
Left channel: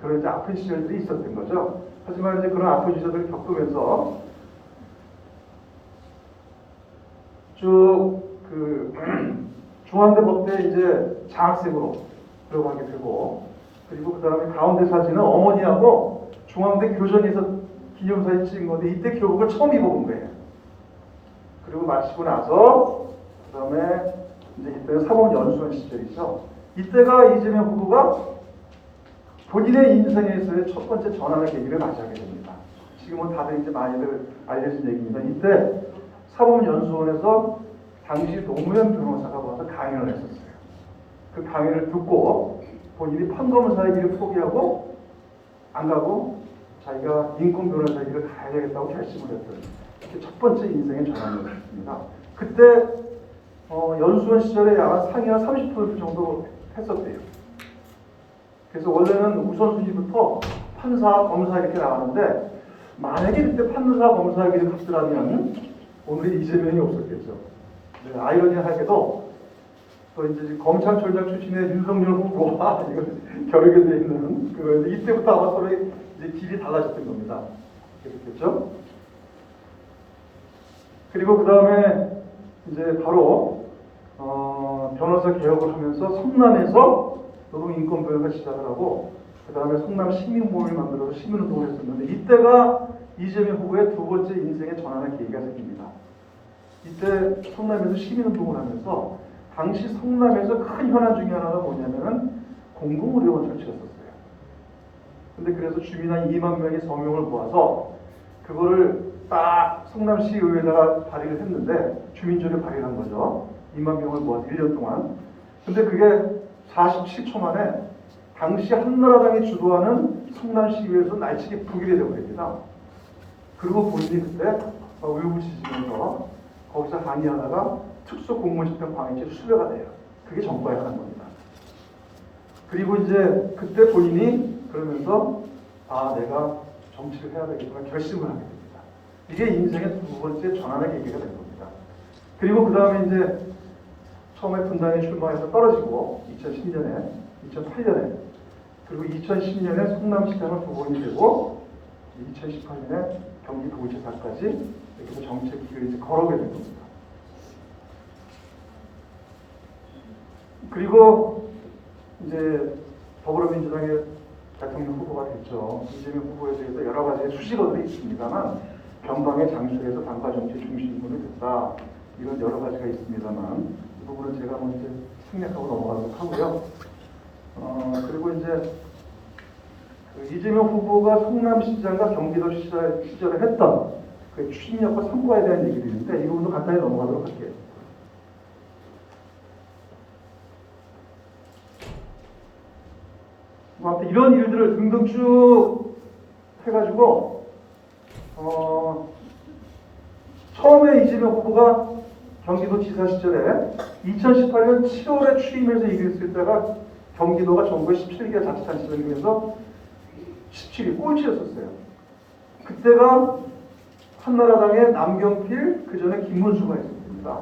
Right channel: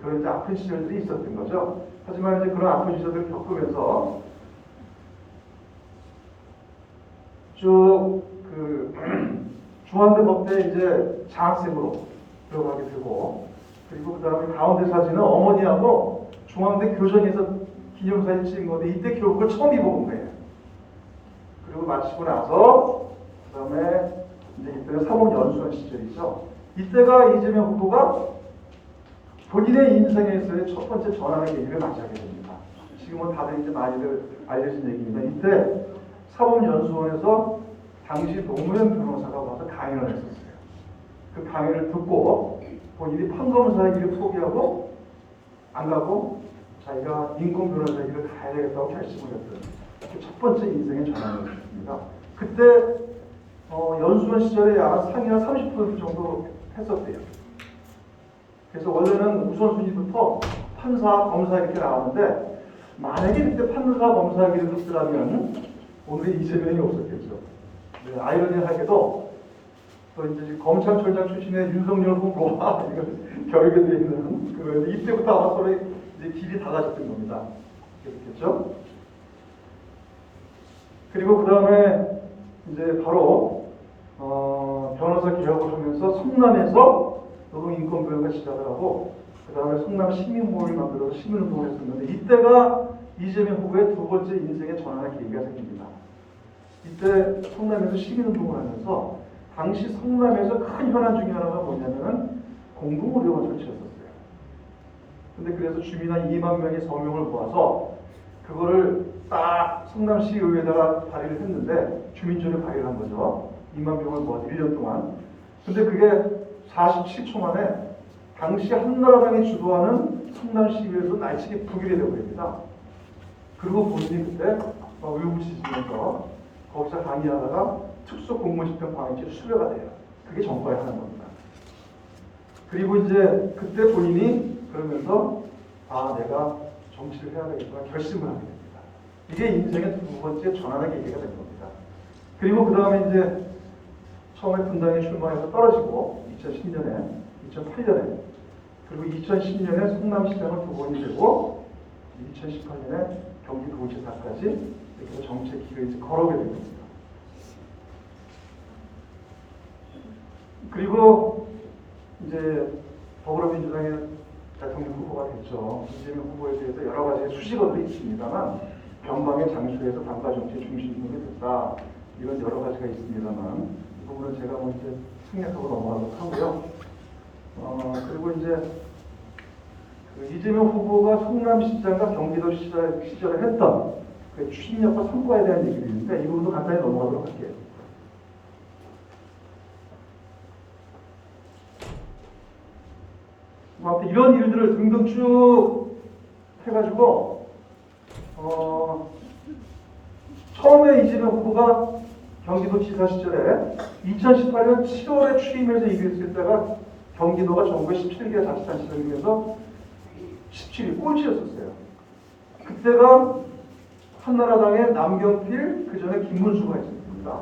그런 이제 아픈 시절들이 있었던 거죠. 하지만 이제 그런 아픈 시절을 겪으면서 쭉 그 중앙대 법대 이제 장학생으로 들어가게 되고, 그리고 그 다음에 가운데 사진은 어머니하고 중앙대 교정에서 기념사진 찍은 건데 이때 교복을 처음 입어본 거예요. 그리고 마치고 나서 그 다음에 이제 이때는 사법연수원 시절이죠. 이때가 이재명 후보가 본인의 인생에서의 첫 번째 전환의 계기를 맞이하게 됩니다. 지금은 다들 이제 많이들 알려진 얘기입니다. 이때 사법연수원에서 당시 노무현 변호사가 와서 강연을 했었어요. 그 강연을 듣고 본인이 판검사의 길을 포기하고 안 가고 자기가 인권 변호사의 길을 가야 되겠다고 결심을 했어요. 첫 번째 인생의 전환이었습니다. 그때 연수원 시절에 약 상위 한 30% 정도 했었대요. 그래서 원래는 우선순위부터 판사, 검사 이렇게 나왔는데 만약에 그때 판사, 검사 길을 갔더라면 오늘의 이재명이 없었겠죠. 아이러니하게도 또 이제 검찰총장 출신의 윤석열 후보와 결격되어 있는 그 이때부터 아마 서로 이제 길이 달라졌던 겁니다. 그렇죠? 그리고 그 다음에 이제 바로 변호사 개혁을 하면서 성남에서 노동인권부회가 시작을 하고 그 다음에 성남 시민모임을 만들어서 시민운동을 했었는데 이때가 이재명 후보의 두 번째 인생의 전환의 계기가 생깁니다. 이때 성남에서 시민운동을 하면서 당시 성남에서 큰 현안 중에 하나가 뭐냐면은 공동의료원 설치했었어요. 근데 그래서 주민 한 2만 명이 서명을 모아서 그거를 딱 성남시 의회에다가 발의를 했는데 주민전에 발의를 한 거죠. 2만 명을 모아서 1년 동안. 근데 그게 47초 만에 당시 한나라당이 주도하는 성남시의회에서 날치기 표기가 되어버립니다. 그리고 본인이 그때 의무지지면서 거기서 강의하다가 특수공무집행 방해죄 수배가 돼요. 그게 전과에 하는 겁니다. 그리고 이제 그때 본인이 그러면서 내가 정치를 해야 되겠구나 결심을 하게 됩니다. 이게 인생의 두 번째 전환의 계기가 된 겁니다. 그리고 그 다음에 이제 처음에 분당에 출마해서 떨어지고 2010년에, 2008년에 그리고 2010년에 성남시장을 후보이 되고 2018년에 경기도지사까지 이렇게 정책 길을 이제 걸어가게 됩니다. 그리고 이제 더불어민주당의 대통령 후보가 됐죠. 이재명 후보에 대해서 여러 가지 수식어들이 있습니다만 변방의 장소에서 당과 정치 중심군이 됐다. 이런 여러 가지가 있습니다만 이 부분은 제가 먼저 생략하고 넘어가도록 하고요. 그리고 이제 이재명 후보가 성남시장과 경기도 시절에 했던 그 추진력과 성과에 대한 얘기인데 이 부분도 간단히 넘어가도록 할게요. 이런 일들을 등등 쭉 해가지고 처음에 이재명 후보가 경기도지사 시절에 2018년 7월에 취임해서 이겼을 때가 경기도가 전국에 17개 자치단체장 중에서 17위 꼴찌였었어요. 그때가 한나라당의 남경필, 그 전에 김문수가 있었습니다.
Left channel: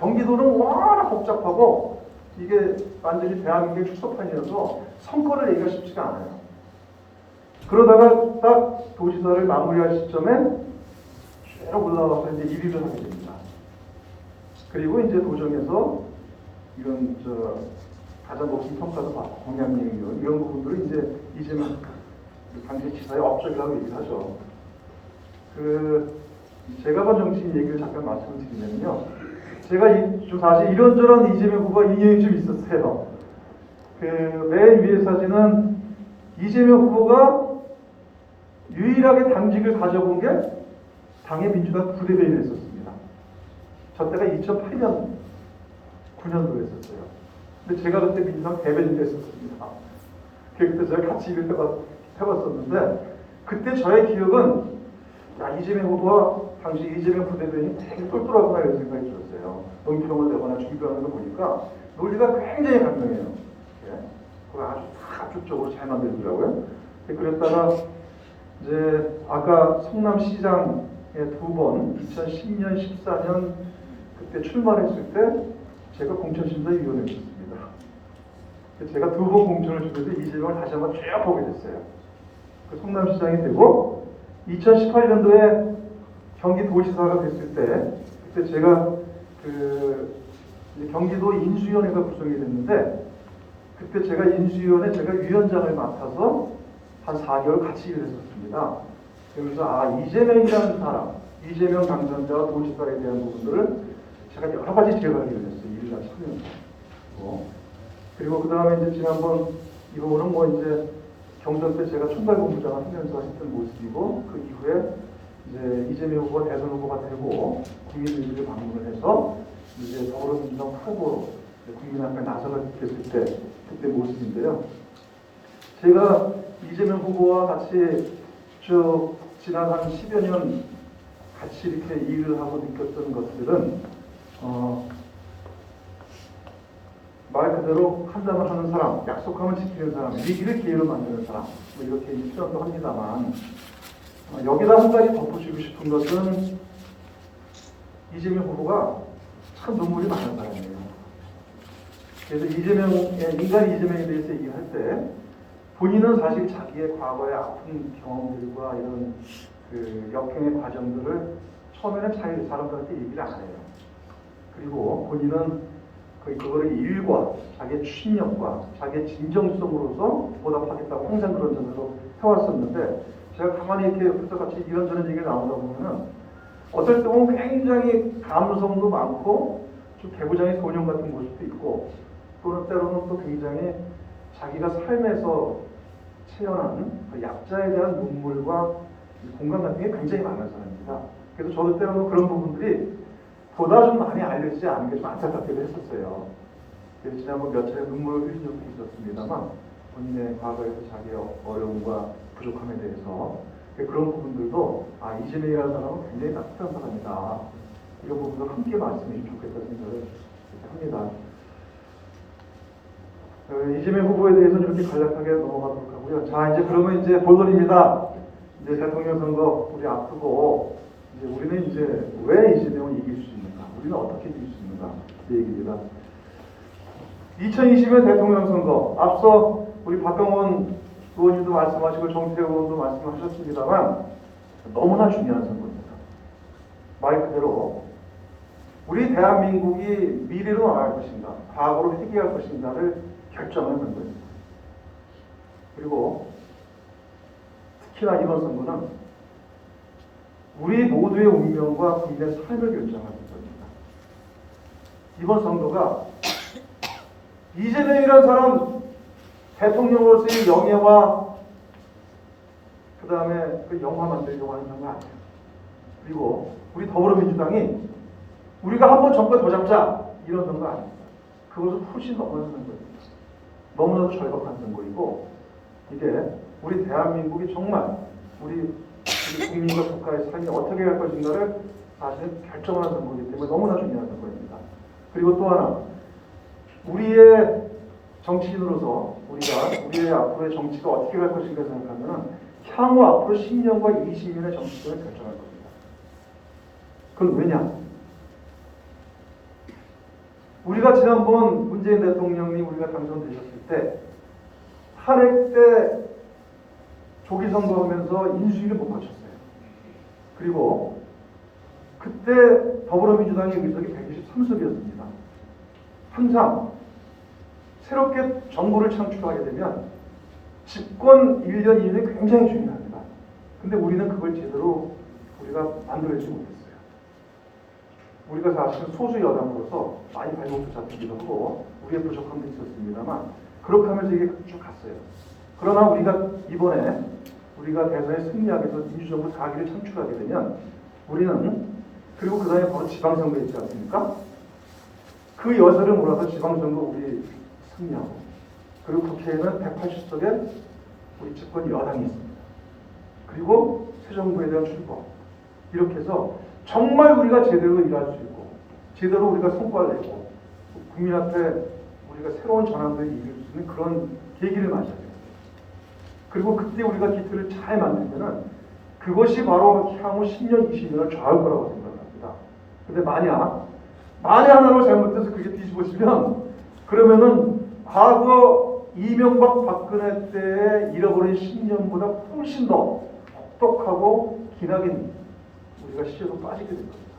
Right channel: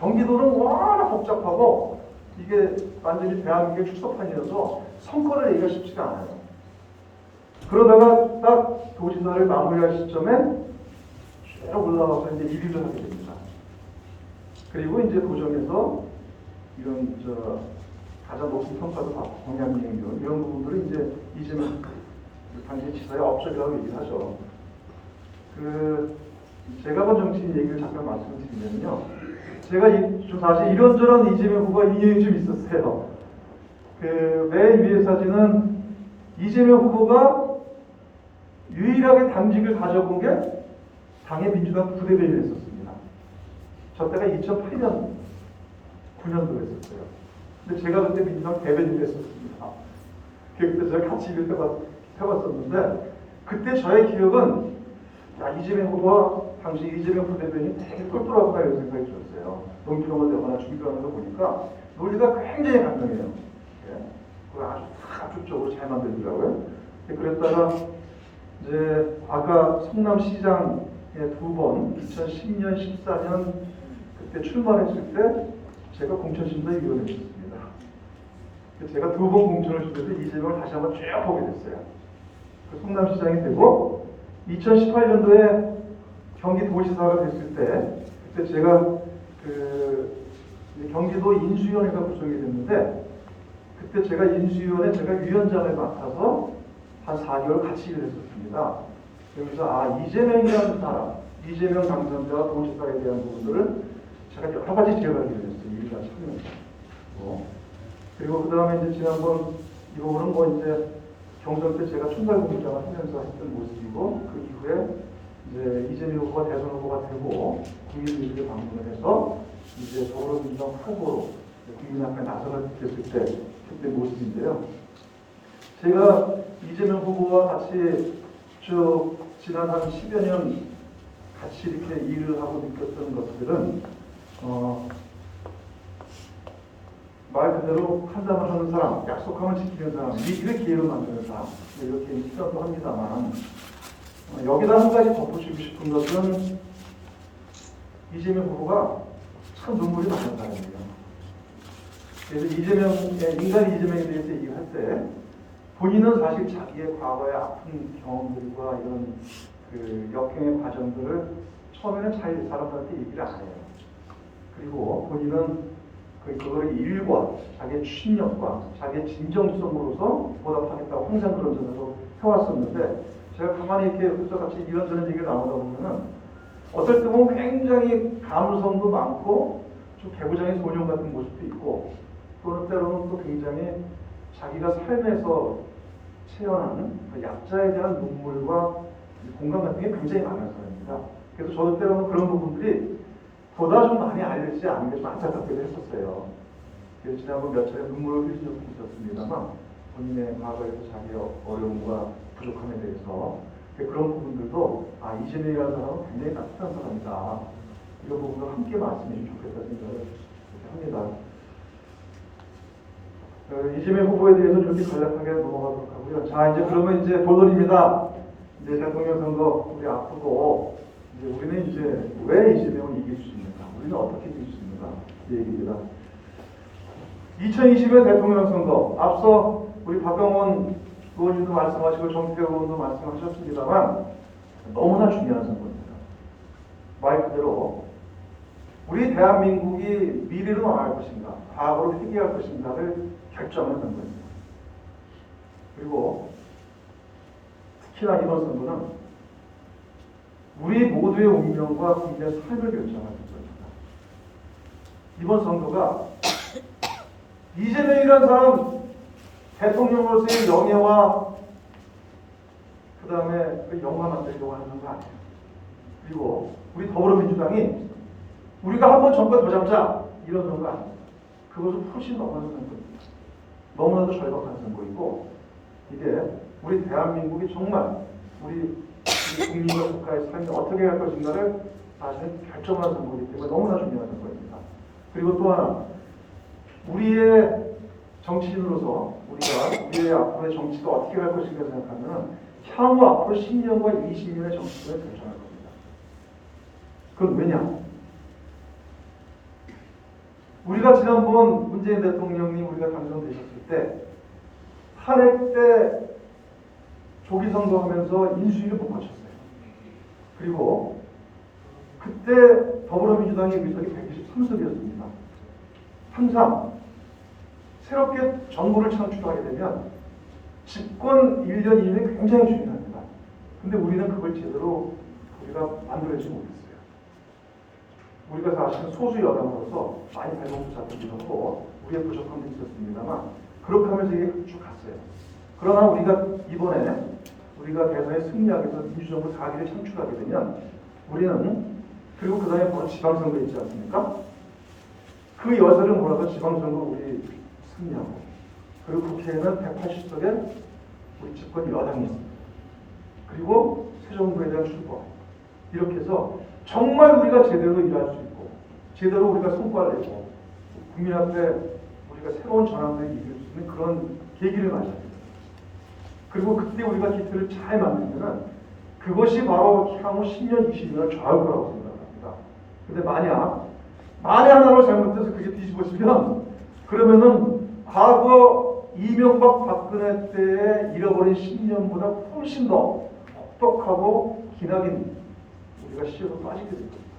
경기도는 워낙 복잡하고 이게 완전히 대한민국의 축소판이라서 선거를 내기가 쉽지가 않아요. 그러다가 딱 도지사를 마무리할 시점에 쭉 올라와서 이제 1위를 하게 됩니다. 그리고 이제 도정에서 이런 가장 높은 평가도 받고 공약명 이런 부분들이 이제 이제는 당시 지사의 업적이라고 얘기하죠. 제가 본 정치인 얘기를 잠깐 말씀을 드리면요. 제가 사실 이런저런 이재명 후보가 인연이 좀 있었어요. 맨 위의 사진은 이재명 후보가 유일하게 당직을 가져본 게 당의 민주당 부대변인을 했었습니다. 저 때가 2008년 9년도 했었어요. 근데 제가 그때 민주당 대변인 했었습니다. 그때 저희 같이 일을 해봤었는데 그때 저의 기억은 이재명 후보와 당시 이재명 부대변인이 되게 똘똘하구나 이런 생각이 들었어요. 논평을 내거나 준비하면서 보니까 논리가 굉장히 간단해요. 네. 그걸 아주 압축적으로 잘 만들더라고요. 그랬다가 이제 아까 성남시장에 2번 2010년, 14년 그때 출마했을 때 제가 공천심사위원회였습니다. 제가 2번 공천을 주면서 이재명을 다시 한번 쭉 보게 됐어요. 그 성남시장이 되고 2018년도에 경기도지사가 됐을 때 그때 제가 그 경기도 인수위원회가 구성이 됐는데 그때 제가 인수위원회 제가 위원장을 맡아서 한 4개월 같이 일을 했었습니다. 그래서 이재명이라는 사람, 이재명 당선자와 도지사에 대한 부분들을 제가 여러 가지 기억하게 됐어요. 일가 참여하고 그리고 그 다음에 이제 지난번 이거는 뭐 이제 경선 때 제가 총괄본부장을 하면서 했던 모습이고 그 이후에 이제 이재명 후보가 대선 후보가 되고 국민의힘을 방문을 해서 이제 더불어민주당 후보로 국민 앞에 나서게 됐을 때 그때 모습인데요. 제가 이재명 후보와 같이 쭉 지난 한 10여 년 같이 이렇게 일을 하고 느꼈던 것들은 말 그대로 한다면 하는 사람, 약속하면 지키는 사람, 위기를 기회로 만드는 사람 뭐 이렇게 표현도 합니다만 여기다 한 가지 덧붙이고 싶은 것은 이재명 후보가 참 눈물이 많은 사람이에요. 그래서 인간 이재명에 대해서 얘기할 때 본인은 사실 자기의 과거의 아픈 경험들과 이런 그 역경의 과정들을 처음에는 자기 사람들한테 얘기를 안 해요. 그리고 본인은 그거를 일과 자기의 추진력과 자기의 진정성으로서 보답하겠다고 항상 그런 생각으로 해왔었는데 제가 가만히 이렇게 옆에서 같이 이런저런 얘기를 나오다 보면은 어떨 때 보면 굉장히 감성도 많고 좀 배부장의 소년 같은 모습도 있고 또는 때로는 또 굉장히 자기가 삶에서 체현한 그 약자에 대한 눈물과 공감 같은 게 굉장히 많은 사람입니다. 그래서 저도 때로는 그런 부분들이 보다 좀 많이 알려지지 않은 게 좀 안타깝기도 했었어요. 그래서 지난번 몇 차례 눈물을 흘린 적도 있었습니다만 본인의 과거에서 자기의 어려움과 부족함에 대해서 그런 부분들도 이재명이라는 사람은 굉장히 따뜻한 사람이다. 이런 부분도 함께 말씀해 주면 좋겠다는 생각을 합니다. 이재명 후보에 대해서는 이렇게 간략하게 넘어가도록 하고요. 자, 이제 그러면 이제 본론입니다. 이제 대통령 선거 우리 앞두고 이제 우리는 이제 왜 이재명을 이길 수 있는가? 우리는 어떻게 이길 수 있는가? 이 얘기입니다. 2020년 대통령 선거 앞서 우리 박강원 의원님도 말씀하시고 정태호 의원도 말씀하셨습니다만 너무나 중요한 선거입니다. 말 그대로 우리 대한민국이 미래로 나갈 것인가, 과거로 회귀할 것인가를 결정하는 선거입니다. 그리고 특히나 이번 선거는 우리 모두의 운명과 국민의 삶을 결정하는 선거입니다. 이번 선거가 이재명이라는 사람 대통령으로서의 영예와 그 다음에 그 영화 만들려고 하는 선거 아니에요. 그리고 우리 더불어민주당이 우리가 한번 정권 더 잡자 이런 선거 아닙니다. 그것을 훨씬 넘어선 선거입니다. 너무나도 절박한 선거이고 이게 우리 대한민국이 정말 우리 국민과 국가의 삶이 어떻게 갈 것인가를 사실 결정하는 선거이기 때문에 너무나 중요한 선거입니다. 그리고 또 하나 우리의 정치인으로서 우리가 우리의 앞으로의 정치가 어떻게 갈 것인가 생각하면 향후 앞으로 10년과 20년의 정치를 결정할 겁니다. 그건 왜냐? 우리가 지난번 문재인 대통령님 우리가 당선되셨을 때 탄핵 때 조기 선거하면서 인수위를 못 맞췄어요. 그리고 그때 더불어민주당의 의석이 123석이었습니다. 항상 새롭게 정부를 창출하게 되면 집권 1년 2년이 굉장히 중요합니다. 근데 우리는 그걸 제대로 우리가 만들어내지 못했어요. 우리가 사실은 소수 여당으로서 많이 발목도 잡히기도 하고 우리의 부족함도 있었습니다만 그렇게 하면서 이게 쭉 갔어요. 그러나 우리가 이번에 우리가 대선에 승리하게 돼서 민주정부 4기를 창출하게 되면 우리는 그리고 그 다음에 바로 지방선거 있지 않습니까? 그 여세를 몰아서 지방선거 우리 승리하고, 그리고 국회에는 180석의 우리 집권 여당이 있습니다. 그리고 새 정부에 대한 출범, 이렇게 해서 정말 우리가 제대로 일할 수 있고 제대로 우리가 성과를 내고 국민 앞에 우리가 새로운 전환을 이룰 수 있는 그런 계기를 만들어야 돼요. 그리고 그때 우리가 기틀을 잘 만들면 그것이 바로 향후 10년, 20년을 좌우할 거라고 생각합니다. 근데 만약 하나를 잘못해서 그게 뒤집어지면 그러면은 과거 이명박 박근혜 때에 잃어버린 10년보다 훨씬 더 혹독하고 기나긴 우리가 시절로 빠지게 될 겁니다.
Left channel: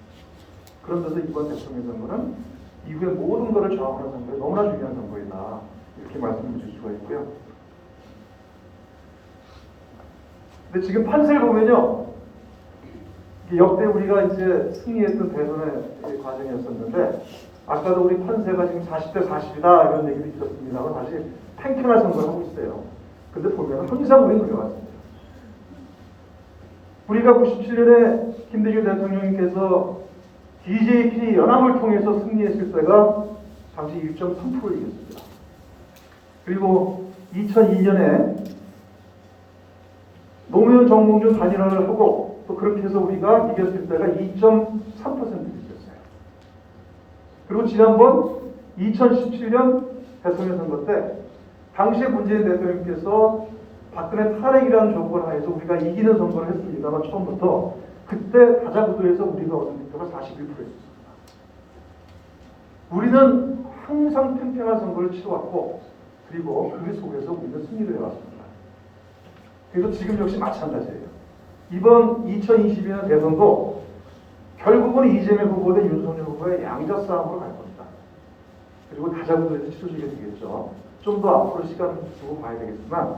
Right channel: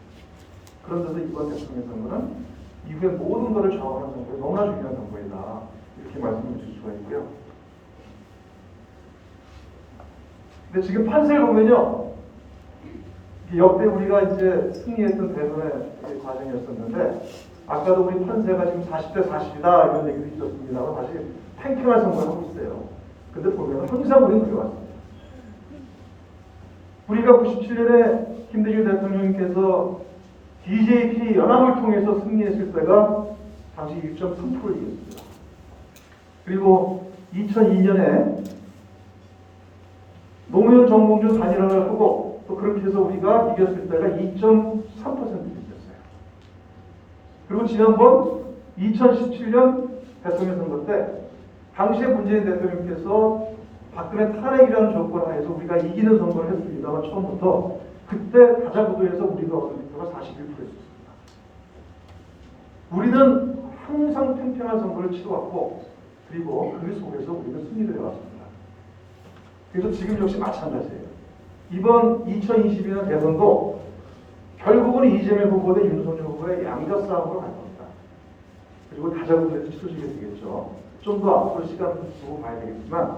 그러면서 이번 대통령 선거는 이후의 모든 것을 좌우하는 선거에 너무나 중요한 선거이다, 이렇게 말씀을 드릴 수가 있고요. 근데 지금 판세를 보면요, 역대 우리가 이제 승리했던 대선의 과정이었었는데, 아까도 우리 판세가 지금 40대 40이다 이런 얘기를 드렸습니다만 다시 팽팽한 선거를 하고 있어요. 근데 보면 항상 우리는 들어갔습니다. 우리가 97년에 김대중 대통령께서 DJP 연합을 통해서 승리했을 때가 당시 1.3%였습니다. 그리고 2002년에 노무현 정몽준 단일화를 하고 또 그렇게 해서 우리가 이겼을 때가 2.3%였어요. 그리고 지난번 2017년 대통령 선거 때 당시에 문재인 대통령께서 박근혜 탄핵이라는 조건 하에서 우리가 이기는 선거를 했습니다만 처음부터 그때 가자구도에서 우리가 얻은 득표가 41%였습니다. 우리는 항상 팽팽한 선거를 치러왔고 그리고 그 속에서 우리는 승리를 해왔습니다. 그래서 지금 역시 마찬가지예요. 이번 2022년 대선도 결국은 이재명 후보 대 윤석열 후보의 양자 싸움으로 갈 겁니다. 그리고 가자구도에서 치러지게 되겠죠. 좀 더 앞으로 시간을 두고 봐야 되겠지만,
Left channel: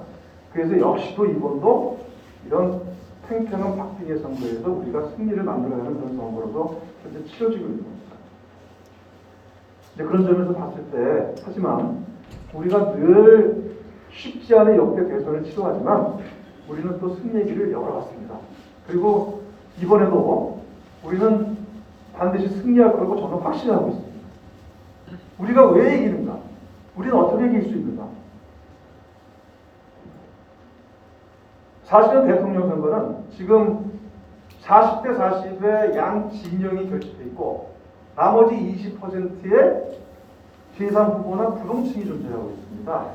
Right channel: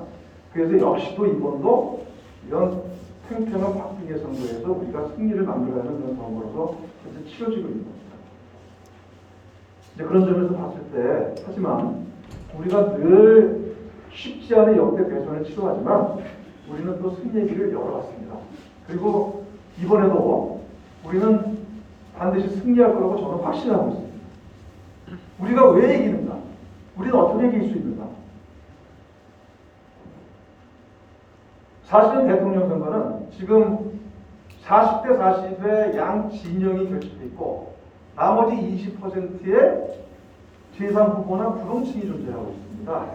그래서 역시도 이번도 이런 팽팽한 박빙의 선거에서 우리가 승리를 만들어가는 그런 선거로서 현재 치러지고 있는 겁니다. 이제 그런 점에서 봤을 때, 하지만 우리가 늘 쉽지 않은 역대 대선을 치러하지만 우리는 또 승리의 길을 열어왔습니다. 그리고 이번에도 우리는 반드시 승리할 거라고 저는 확신하고 있습니다. 우리가 왜 이기는가? 우리는 어떻게 이길 수 있는가? 사실은 대통령 선거는 지금 40대 40의 양 진영이 결집돼 있고 나머지 20%의 제3후보나 부동층이 존재하고 있습니다.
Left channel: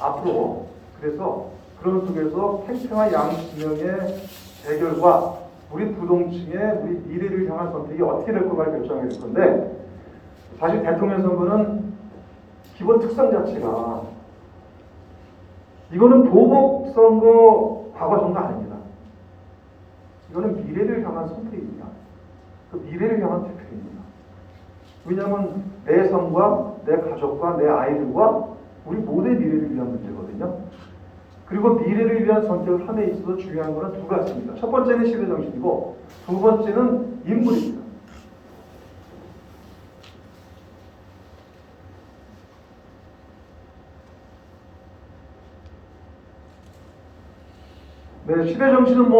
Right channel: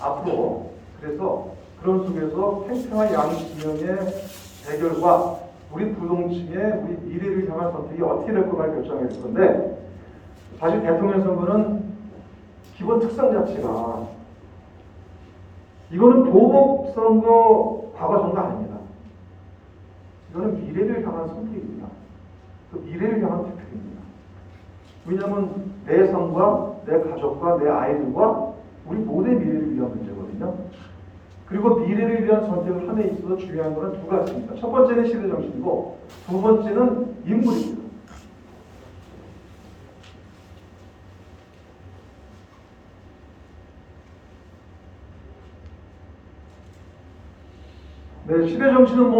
앞으로 그래서 그런 속에서 팽팽한 양 진영의 대결과 우리 부동층의 우리 미래를 향한 선택이 어떻게 될 거가 결정할 건데, 사실 대통령 선거는 기본 특성 자체가 이거는 보복 선거, 과거 선거 아닙니다. 이거는 미래를 향한 선택입니다. 또 미래를 향한 투표입니다. 왜냐하면 내 삶과 내 가족과 내 아이들과 우리 모두의 미래를 위한 문제거든요. 그리고 미래를 위한 선택을 함에 있어서 중요한 것은 두 가지입니다. 첫 번째는 시대정신이고 두 번째는 인물입니다. 네, 시대정신은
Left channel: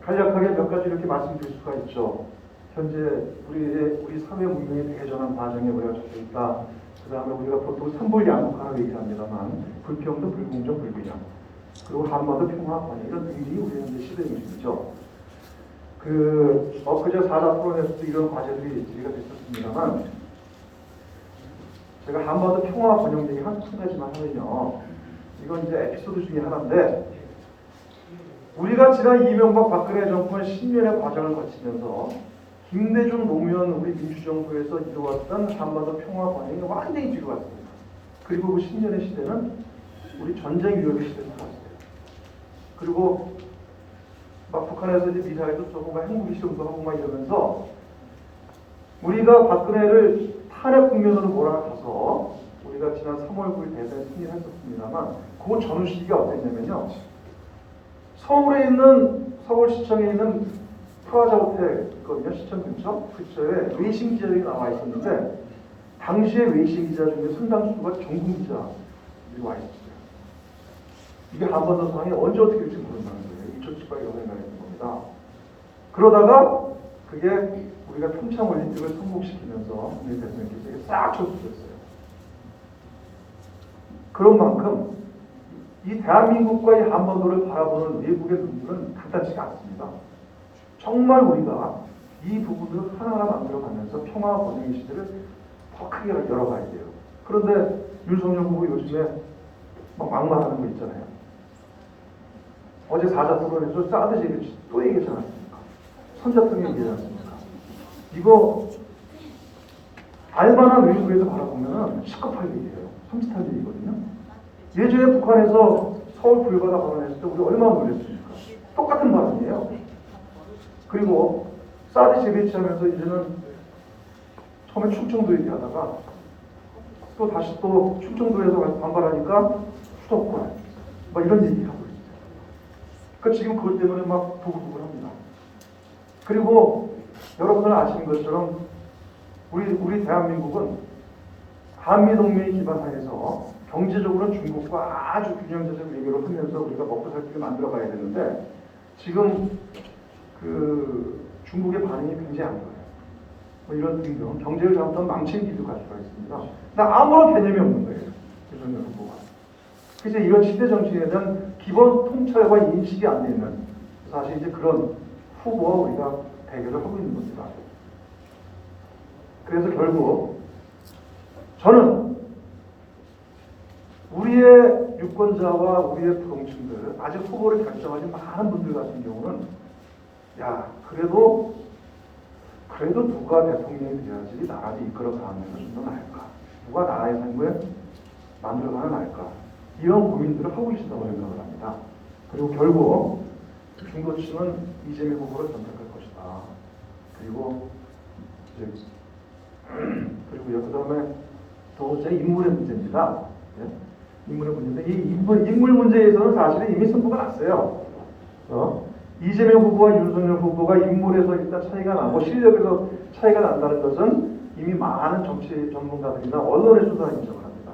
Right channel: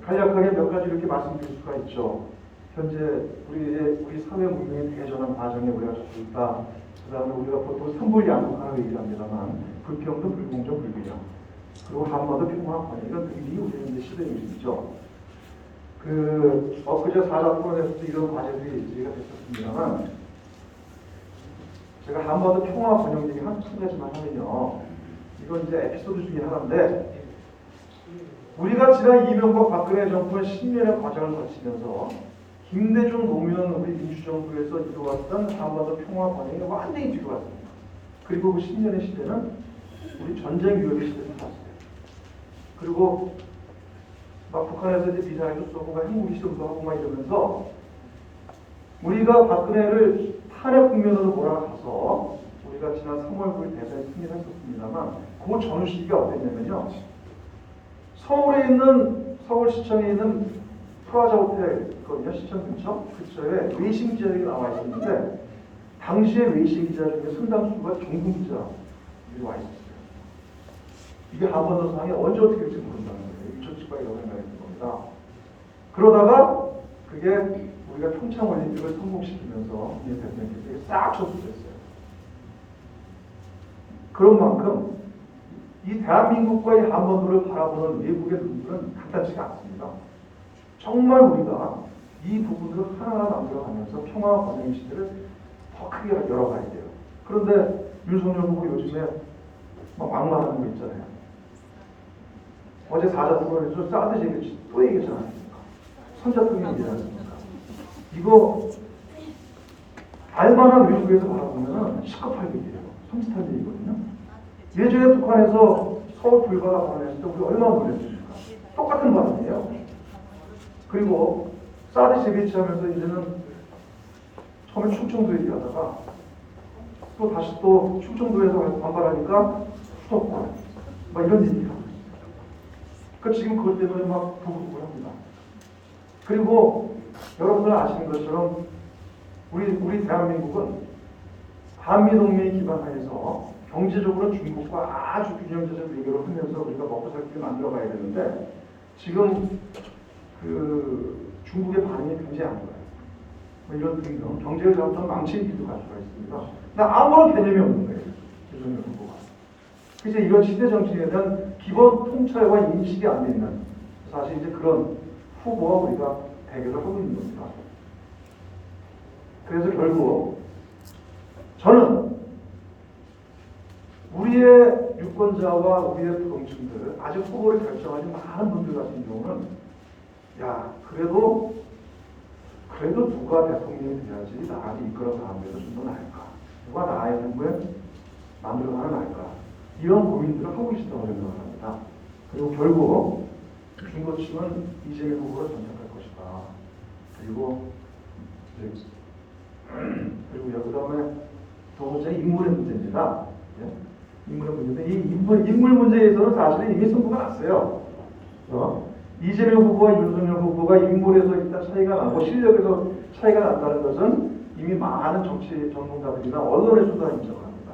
간략하게 몇 가지 이렇게 말씀드릴 수가 있죠. 현재 우리 사회 문명의 대전환 과정에 우리가 접해 있다. 그 다음에 우리가 보통 삼불양극화를 얘기합니다만 불평등, 불공정, 불균형, 그리고 한반도 평화, 번영, 이런 등이 우리는 이제 시대정신이죠. 엊그제 4자 토론에서 이런 과제들이 제기가 됐었습니다만, 제가 한반도 평화, 번영 얘기 한 가지만 하면요, 이건 이제 에피소드 중에 하나인데, 우리가 지난 이명박 박근혜 정권의 10년의 과정을 거치면서 김대중 노무현 우리 민주정부에서 이루어왔던 한반도 평화 번영이 완전히 뒤로갔습니다. 그리고 그 10년의 시대는 우리 전쟁 위협의 시대로 살았어요. 그리고 막 북한에서 이제 미사일도 쏘고 막 핵무기 시험도 하고 막 이러면서 우리가 박근혜를 탄핵 국면으로 몰아가서 우리가 지난 3월 9일 대선에 승리했었습니다만, 그 전후 시기가 어땠냐면요, 서울시청에 있는 프라자 호텔 있거든요. 시청 근처에 외신 기자들이 나와 있었는데, 당시에 외신 기자 중에 상당수가 중국 기자들이 와 있었어요. 이게 한반도 상황이 언제 어떻게 될지 모른다는 거예요. 2018년 연애가 있는 겁니다. 그러다가 그게 우리 우리가 평창 올림픽을 성공시키면서 이 대통령께서 싹 쳐주셨어요. 그런 만큼 이 대한민국과 이 한반도를 바라보는 외국의 눈들은 간단치가 않습니다. 정말 우리가 이 부분들을 하나하나 만들어가면서 평화와 번영의 시대를 더 크게 열어가야 돼요. 그런데 윤석열 후보 요즘에 막 막말하는 거 있잖아요. 어제 사자 토론에서 사드 제일 또 얘기하지 않았습니까? 선자통이 얘기하지 않습니까? 이거 알바나 외국에서 바라보면 시급하게 돼요. 섬찟한 일이거든요. 예전에 북한에서 서울 불가가 발언했을 때 우리 얼마나 놀랐습니까? 똑같은 발언이에요. 그리고 사드 재배치하면서 이제는 처음에 충청도 얘기하다가 또 다시 또 충청도에서 반발하니까 수도권 막 이런 얘기를 하고 있어요. 그러니까 지금 그것 때문에 막 부글부글합니다. 그리고 여러분들 아시는 것처럼 우리 대한민국은 한미동맹 기반하에서 경제적으로는 중국과 아주 균형적인 외교를 하면서 우리가 먹고 살 때 만들어가야 되는데 지금 그 중국의 반응이 굉장히 안 좋아요. 뭐 이런 등등 경제를 잘못하면 망친 비도 갈 수가 있습니다. 나 아무런 개념이 없는 거예요. 윤석열 후보가. 그래서 이런 시대 정신에 대한 기본 통찰과 인식이 안 되는 사실 이제 그런 후보와 우리가 대결을 하고 있는 겁니다. 그래서 결국 저는 우리의 유권자와 우리의 부동층들 아직 후보를 결정하지 많은 분들 같은 경우는 야 그래도 누가 대통령이 돼야지 나라를 이끌어가는 데도 좀 더 나을까? 누가 나라의 삶을 만들어가는 나을까? 이런 고민들을 하고 계시다고 생각을 합니다. 그리고 결국 중도층은 이재명 후보를 선택할 것이다. 그리고 그다음에 두 번째 인물의 문제입니다. 네? 인물의 문제인데 이 인물 문제에서는 사실은 이미 승부가 났어요. 이재명 후보와 윤석열 후보가 인물에서 일단 차이가 나고 실력에서 차이가 난다는 것은 이미 많은 정치 전문가들이나 언론에서도 인정을 합니다.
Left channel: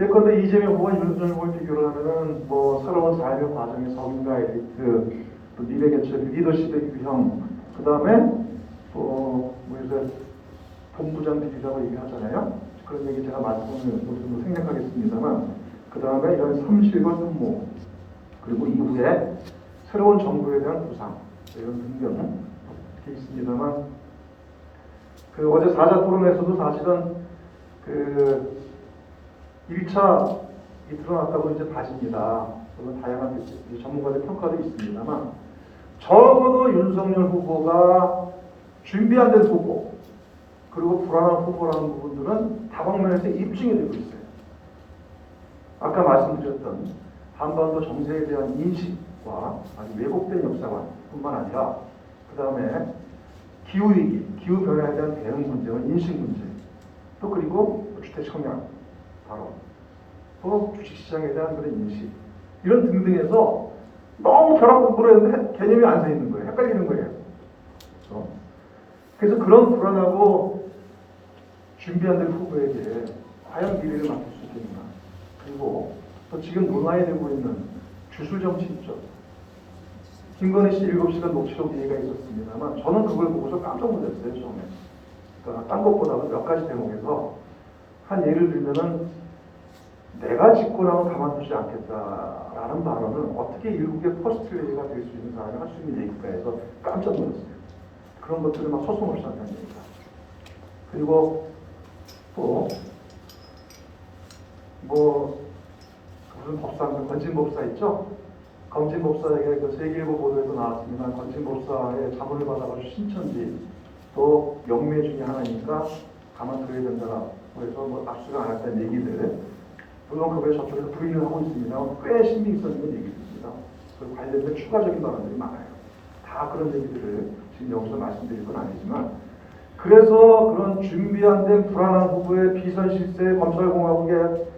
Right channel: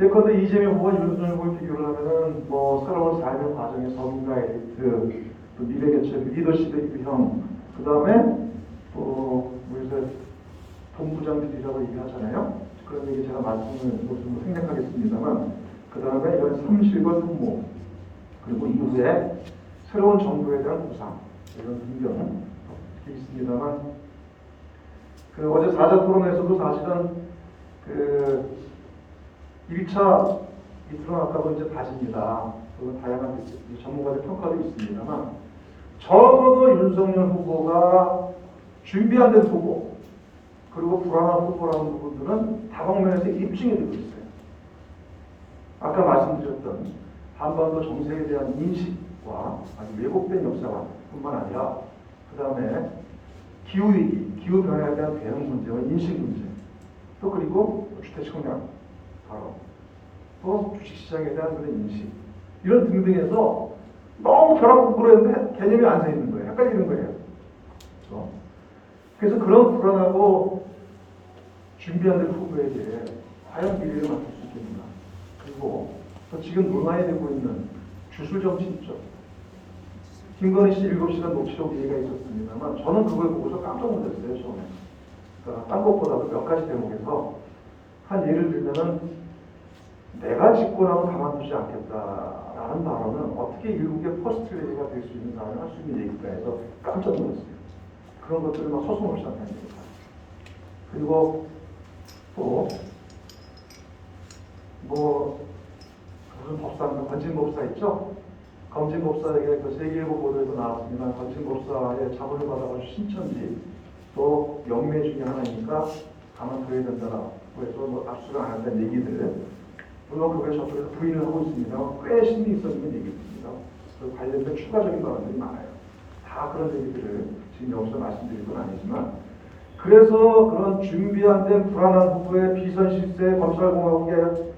예컨대 이재명 후보와 윤석열 후보의 비교를 하면은 뭐 새로운 삶의 과정의 성과 에디트, 미래개척, 리더십의 유형, 그 다음에 뭐 이제 본부장 비리라고 얘기하잖아요. 그런 얘기 제가 말씀을 좀 생략하겠습니다만. 그 다음에 이런 삼실과 수모, 그리고 이후에 새로운 정부에 대한 구상, 이런 등등 있습니다만, 그 어제 4자 토론에서도 사실은 그 1차 드러났다고 이제 봐집니다. 물론 다양한 전문가들 평가도 있습니다만, 적어도 윤석열 후보가 준비 안 된 후보, 그리고 불안한 후보라는 부분들은 다방면에서 입증이 되고 있어요. 아까 말씀드렸던 한반도 정세에 대한 인식과 왜곡된 역사관뿐만 아니라 그 다음에 기후위기, 기후변화에 대한 대응 문제와 인식 문제, 또 그리고 주택청약 발언, 또 주식시장에 대한 그런 인식, 이런 등등에서 너무 벼락 공부를 했는데 개념이 안 서 있는 거예요. 헷갈리는 거예요. 그래서 그런 불안하고 준비 안 된 후보에게 과연 미래를 맡길 수 있겠느냐. 그리고 또 지금 논란이 되고 있는 주술정치 있죠. 김건희 씨 7시간 녹취록 얘기가 있었습니다만 저는 그걸 보고서 깜짝 놀랐어요. 저는. 그러니까 딴 것보다도 몇 가지 대목에서 한 예를 들면은 내가 짓고 나면 가만두지 않겠다라는 발언은 어떻게 일국의 퍼스트레이가 될 수 있는 사람이 할 수 있는 얘기일까 해서 깜짝 놀랐어요. 그런 것들을 막 소송을 시작하는 겁니다. 그리고 또 뭐 무슨 법사입니다. 건진법사 있죠? 건진법사에게 그 세계일보 보도에도 나왔습니다. 건진법사의 자문을 받아가지고 신천지 또 명예 중에 하나니까 가만둬야 된다라. 그래서 뭐 압수가 안 했다는 얘기들. 물론 그거에 저쪽에서 부인을 하고 있으며 꽤 신빙성 있는 얘기입니다. 그 관련된 추가적인 발언들이 많아요. 다 그런 얘기들을 지금 여기서 말씀드릴 건 아니지만 그래서 그런 준비 안 된 불안한 후보의 비선 실세, 검찰공화국의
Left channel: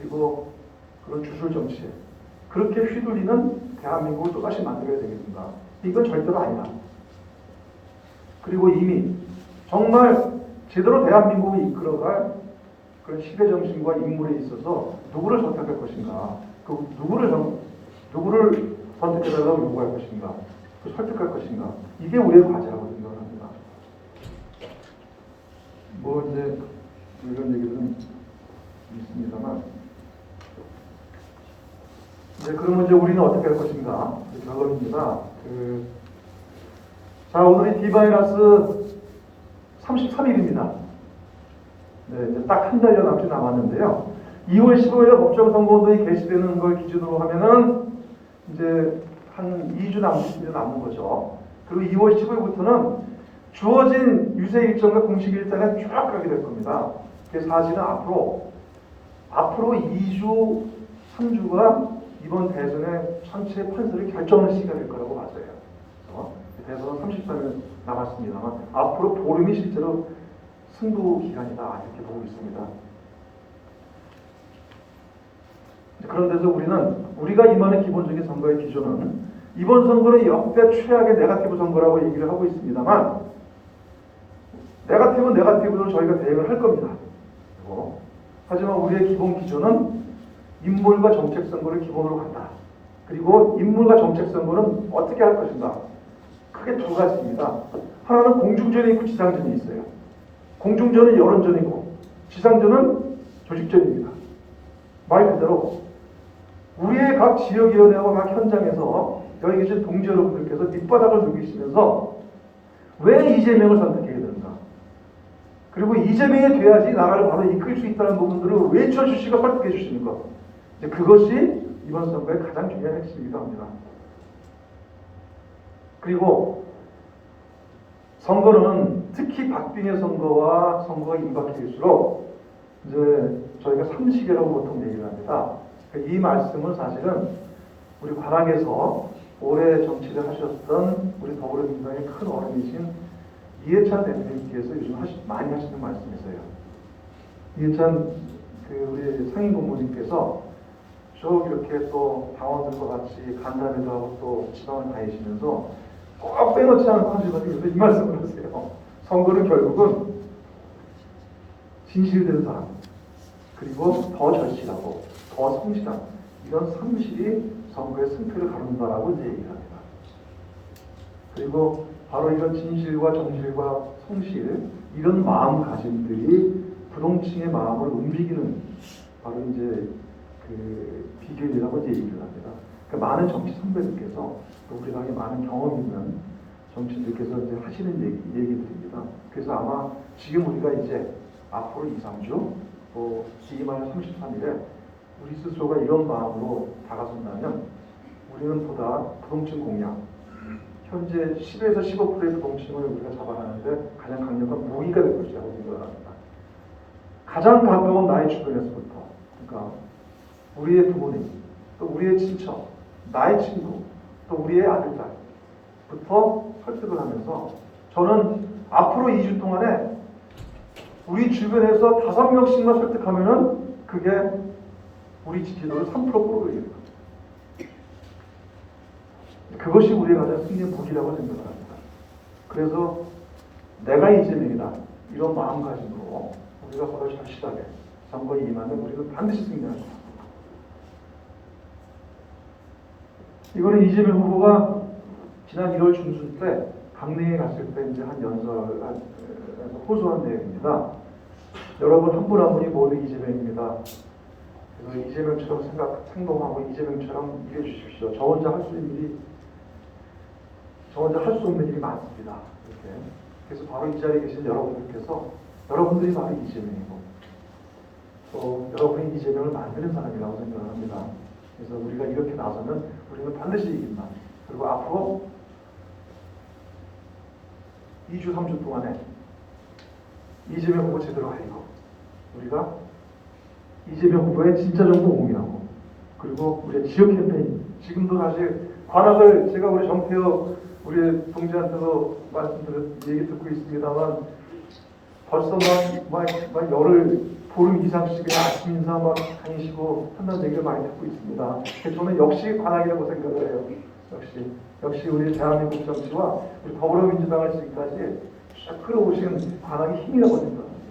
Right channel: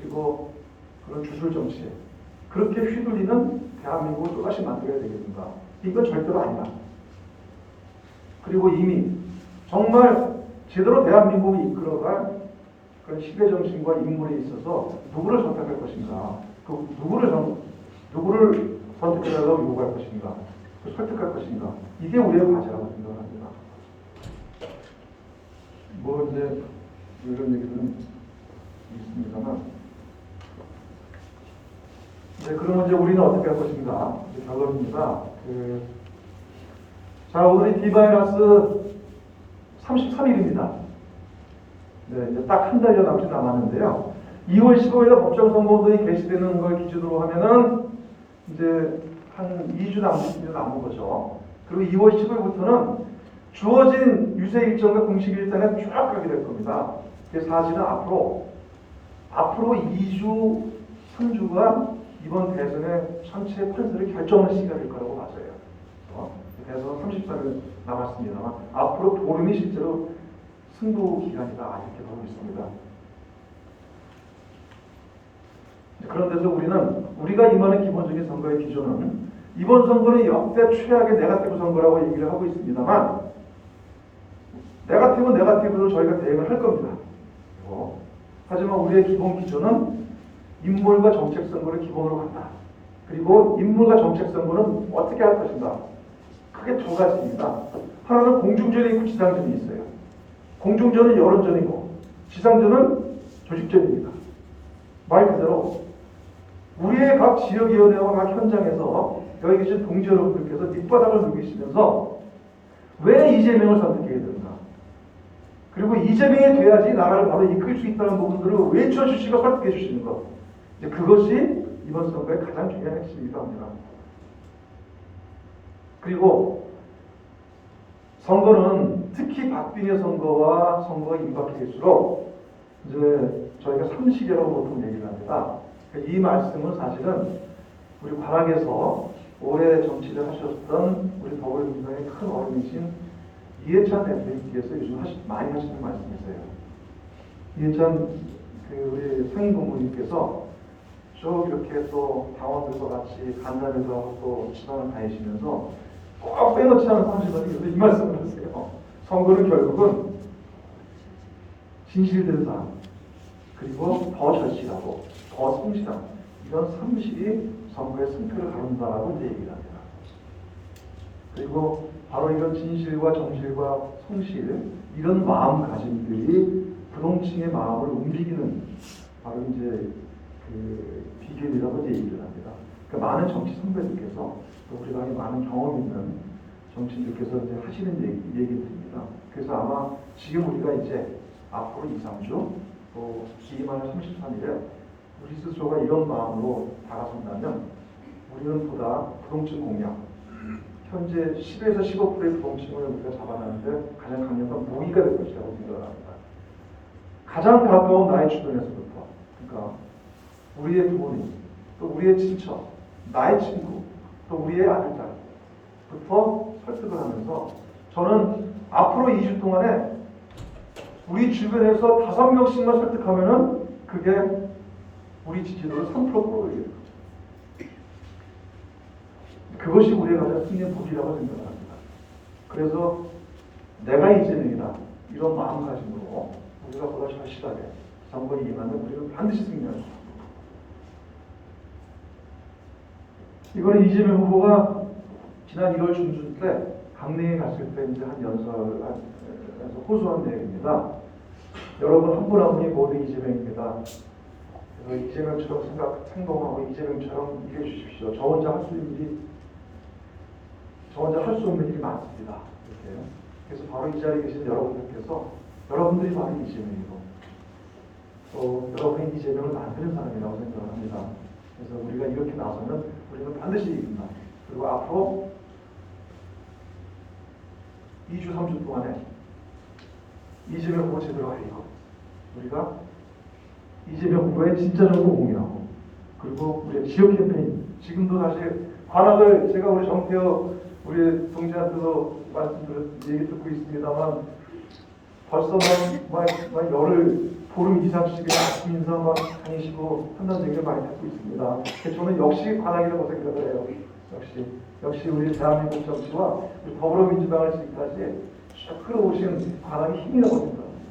그리고 그런 주술 정치 그렇게 휘둘리는 대한민국을 또다시 만들어야 되겠는가? 이건 절대로 아니다. 그리고 이미 정말 제대로 대한민국을 이끌어갈 그런 시대 정신과 인물에 있어서 누구를 선택할 것인가? 그 누구를 선택해달라고 요구할 것인가, 또 설득할 것인가, 이게 우리의 과제라고 생각합니다. 뭐 이제 이런 얘기는 있습니다만, 이제 그러면 이제 우리는 어떻게 할 것인가? 결론입니다. 자, 오늘이 D-33일입니다. 네, 이제 딱 한 달여 남짓 남았는데요. 2월 15일에 법정선거운동이 개시되는 걸 기준으로 하면은 이제 한 2주 남은 거죠. 그리고 2월 15일부터는 주어진 유세 일정과 공식 일정에 쫙 가게 될 겁니다. 그래서 사실은 앞으로 2주, 3주가 이번 대선의 전체 판세를 결정할 시기가 될 거라고 맞아요. 그래서 대선은 33일 남았습니다만 앞으로 보름이 실제로 승부 기간이다 이렇게 보고 있습니다. 그런 데서 우리가 임하는 기본적인 선거의 기준은 이번 선거는 역대 최악의 네거티브 선거라고 얘기를 하고 있습니다만 네거티브는 네거티브로 저희가 대응을 할 겁니다. 하지만 우리의 기본 기준은 인물과 정책 선거를 기본으로 간다. 그리고 인물과 정책 선거는 어떻게 할 것인가? 크게 두 가지입니다. 하나는 공중전이 있고 지상전이 있어요. 공중전은 여론전이고 지상전은 조직전입니다. 말 그대로 우리의 각 지역위원회와 각 현장에서 여기 계신 동지 여러분들께서 밑바닥을 누비시면서 왜 이재명을 선택해야 되는가? 그리고 이재명이 돼야지 나라를 바로 이끌 수 있다는 부분들을 외쳐주시고 설득해 주시는 것. 이제 그것이 이번 선거의 가장 중요한 핵심이기도 합니다. 그리고 선거는 특히 박빙의 선거와 선거가 임박할수록 이제 저희가 상식이라고 보통 얘기를 합니다. 이 말씀은 사실은 우리 관악에서 오래 정치를 하셨던 우리 더불어민주당의 큰 어른이신 이해찬 대표님께서 요즘 많이 하시는 말씀이세요. 이해찬 우리 상임 고문님께서 쭉 이렇게 또 당원들과 같이 간담회도 하고 또 지방을 다니시면서 꼭 빼놓지 않은 상식을 이 말씀을 하세요. 선거는 결국은 진실된 사람, 그리고 더 절실하고 더 성실한 이런 상식이 선거의 승패를 가른다라고 이제 얘기합니다. 그리고 바로 이런 진실과 정실과 성실 이런 마음가짐들이 부동층의 마음을 움직이는 바로 이제 비결이라고 얘기를 합니다. 그러니까 많은 정치 선배들께서 또 우리가 많은 경험 있는 정치인들께서 이제 하시는 얘기들입니다. 그래서 아마 지금 우리가 이제 앞으로 2, 3주 또 지금하는 33일에 우리 스스로가 이런 마음으로 다가선다면 우리는 보다 부동층 공략, 현재 10에서 15%의 부동층을 우리가 잡아내는데 가장 강력한 무기가 될 것이라고 생각을 합니다. 가장 가까운 나의 주변에서부터, 그러니까 우리의 부모님, 또 우리의 친척, 나의 친구, 또 우리의 아들, 딸부터 설득을 하면서 저는 앞으로 2주 동안에 우리 주변에서 5명씩만 설득하면은 그게 우리 지지도를 3% 끌어올립니다. 그것이 우리의 가장 승리의 무기라고 생각을 합니다. 그래서 내가 이재명이다 이런 마음가짐으로 우리가 보다 절실하게 선거에 임하면 우리는 반드시 승리한다. 이번에 이재명 후보가 지난 1월 중순 때 강릉에 갔을 때 이제 한 연설에서 호소한 내용입니다. 여러분 한 분 한 분이 모두 이재명입니다. 그래서 이재명처럼 행동하고 이재명처럼 이겨 주십시오. 저 혼자 할 수 없는 일이 많습니다. 이렇게. 그래서 바로 이 자리에 계신 여러분들이 바로 이재명이고 또 여러분이 이재명을 만드는 사람이라고 생각을 합니다. 그래서 우리가 이렇게 나서면 우리는 반드시 이긴다. 그리고 앞으로 2주, 3주 동안에 이재명 후보 제대로 하려고 우리가 이재명 후보의 진짜 정보 공유하고 그리고 우리의 지역 캠페인 지금도 사실 관악을 제가 우리 정태호 우리 동지한테도 얘기 듣고 있습니다만 벌써 막 열흘 보름 이상씩 아침 인사 막 다니시고 한다는 얘기를 많이 듣고 있습니다. 저는 역시 관악이라고 생각을 해요. 역시 우리 대한민국 정치와 우리 더불어민주당을 지금까지 쫙 끌어오시는 관악이 힘이라고 생각합니다.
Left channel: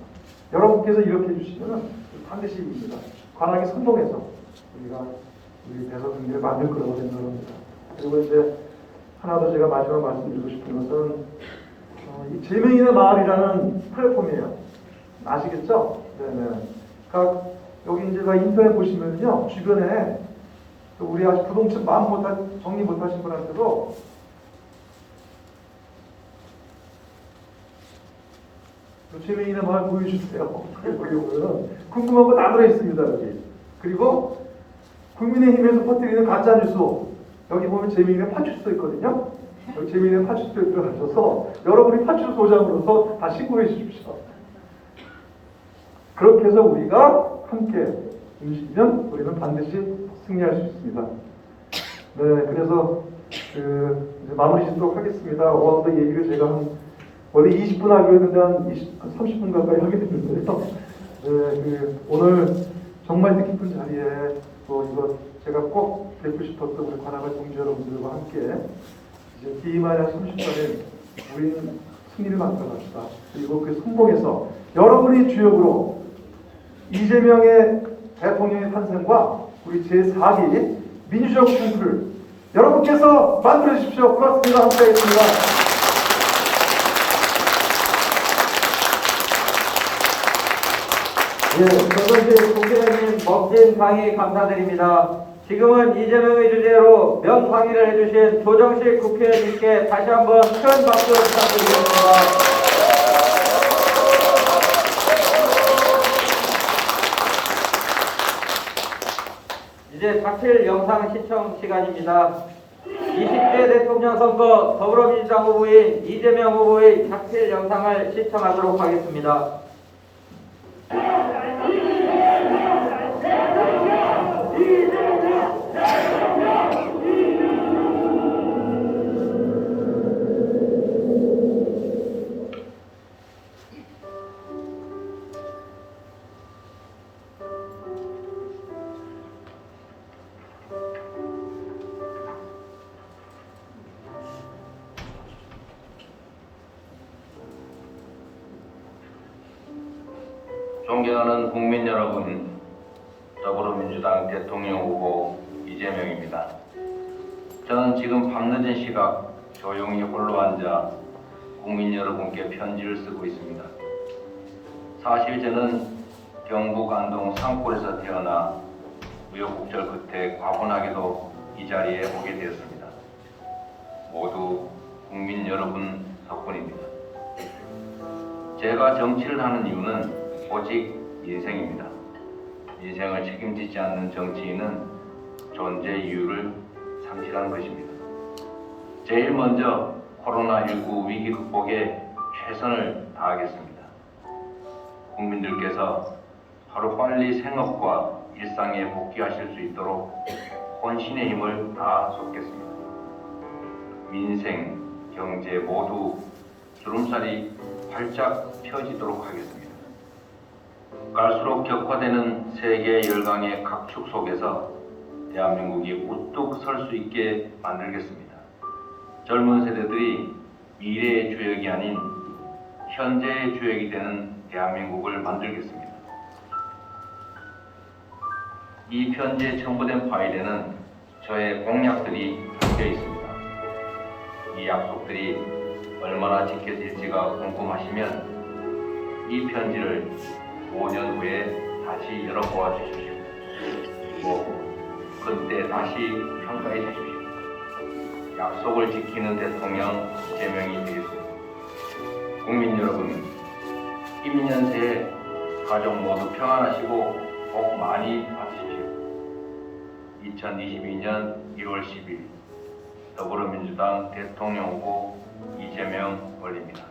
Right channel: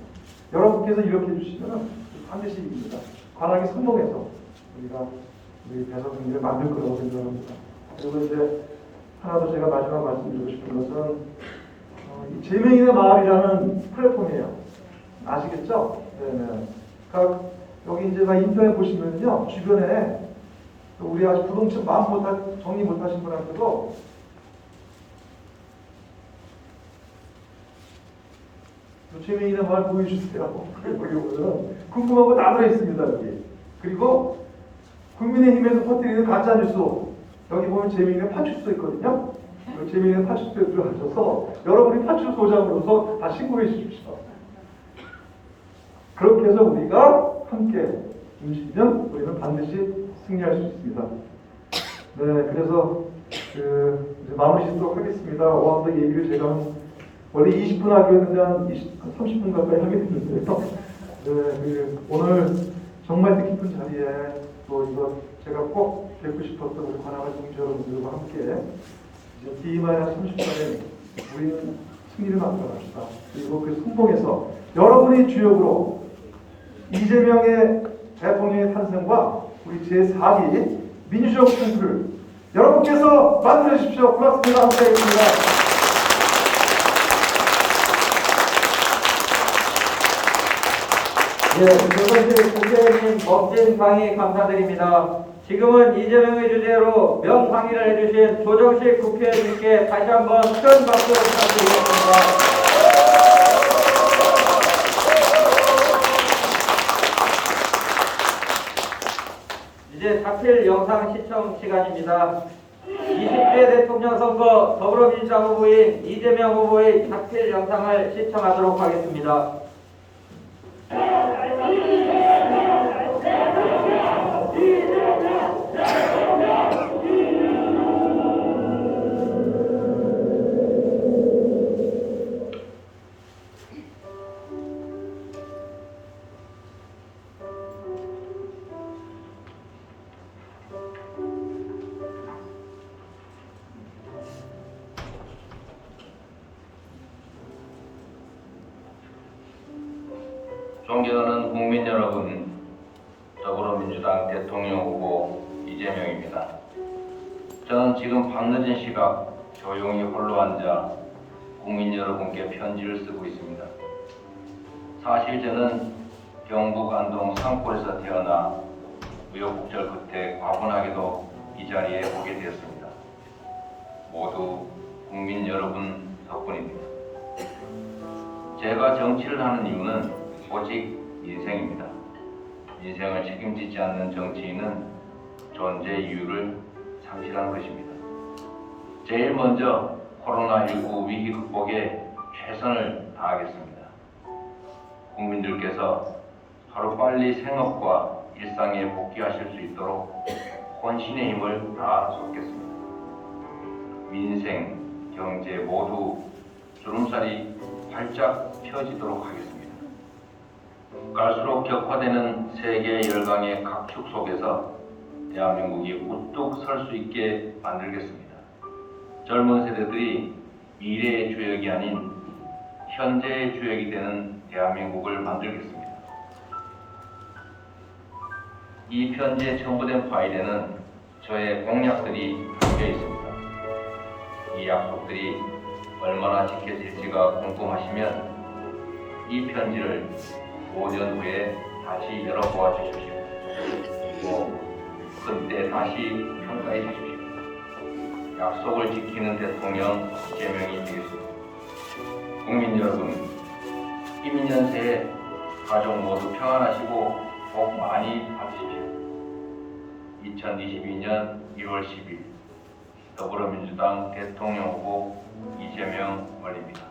여러분께서 이렇게 해주시면 반드시 이깁니다. 관악이 성공해서 우리가 우리 대선 승리를 만들 거라고 생각합니다. 그리고 이제 하나 더 제가 마지막 말씀드리고 싶은 것은 이 재미있는 마을이라는 플랫폼이에요. 아시겠죠? 네네. 그러니까 여기 이제 인터넷 보시면요, 주변에 우리 아직 부동층 정리 못하신 분한테도 재미있는 마을 보여주세요. 그리고 이거는 궁금한 거 다 들어있습니다 여기. 그리고 국민의힘에서 퍼뜨리는 가짜뉴스 여기 보면 재미있는 파출소 있거든요. 여기 재미있는 파출소에 들어가셔서 여러분이 파출소장으로서 다 신고해 주십시오. 그렇게 해서 우리가 함께 움직이면 우리는 반드시 승리할 수 있습니다. 네, 그래서 이제 마무리 짓도록 하겠습니다. 오늘 얘기를 제가 원래 20분 하기로 했는데 한 30분 가까이 하게 됐는데요. 네, 오늘 정말 뜻깊은 자리에 또 이거 제가 꼭 뵙고 싶었던 우리 관악한 동지 여러분들과 함께 이제 기만한 30분에 우리는 승리를 만들어갑시다. 그리고 그 성공해서 여러분의 주역으로 이재명의 대통령의 탄생과 우리 제4기 민주적 통수를 여러분께서 만들어 주십시오. 고맙습니다. 함께 하겠습니다. 조정실 국회의원님 멋진 강의 감사드립니다. 지금은 이재명의 주제로 명강의를 해주신 조정실 국회의원님께 다시 한번 큰 박수 부탁드리겠습니다. 이제 자필 영상 시청 시간입니다. 20대 대통령 선거 더불어민주당 후보인 이재명 후보의 자필 영상을 시청하도록 하겠습니다. 존경하는 국민 여러분, 더불어민주당 대통령 후보 이재명입니다. 저는 지금 밤늦은 시각 조용히 홀로 앉아 국민 여러분께 편지를 쓰고 있습니다. 사실 저는 경북 안동 상포에서 태어나 우여곡절 끝에 과분하게도 이 자리에 오게 되었습니다. 모두 국민 여러분 덕분입니다. 제가 정치를 하는 이유는 오직 인생입니다. 인생을 책임지지 않는 정치인은 존재 이유를 상실한 것입니다. 제일 먼저 코로나19 위기 극복에 최선을 다하겠습니다. 국민들께서 하루빨리 생업과 일상에 복귀하실 수 있도록 혼신의 힘을 다 쏟겠습니다. 민생, 경제 모두 주름살이 활짝 펴지도록 하겠습니다. 갈수록 격화되는 세계 열강의 각축 속에서 대한민국이 우뚝 설 수 있게 만들겠습니다. 젊은 세대들이 미래의 주역이 아닌 현재의 주역이 되는 대한민국을 만들겠습니다. 이 편지에 첨부된 파일에는 저의 공약들이 담겨 있습니다. 이 약속들이 얼마나 지켜질지가 궁금하시면 이 편지를 5년 후에 다시 열어보아 주십시오. 그때 다시 평가해 주십시오. 약속을 지키는 대통령 이재명이 되겠습니다. 국민 여러분, 힘 있는 새해 가족 모두 평안하시고 복 많이 받으십시오. 2022년 1월 10일 더불어민주당 대통령 후보 이재명 올립니다.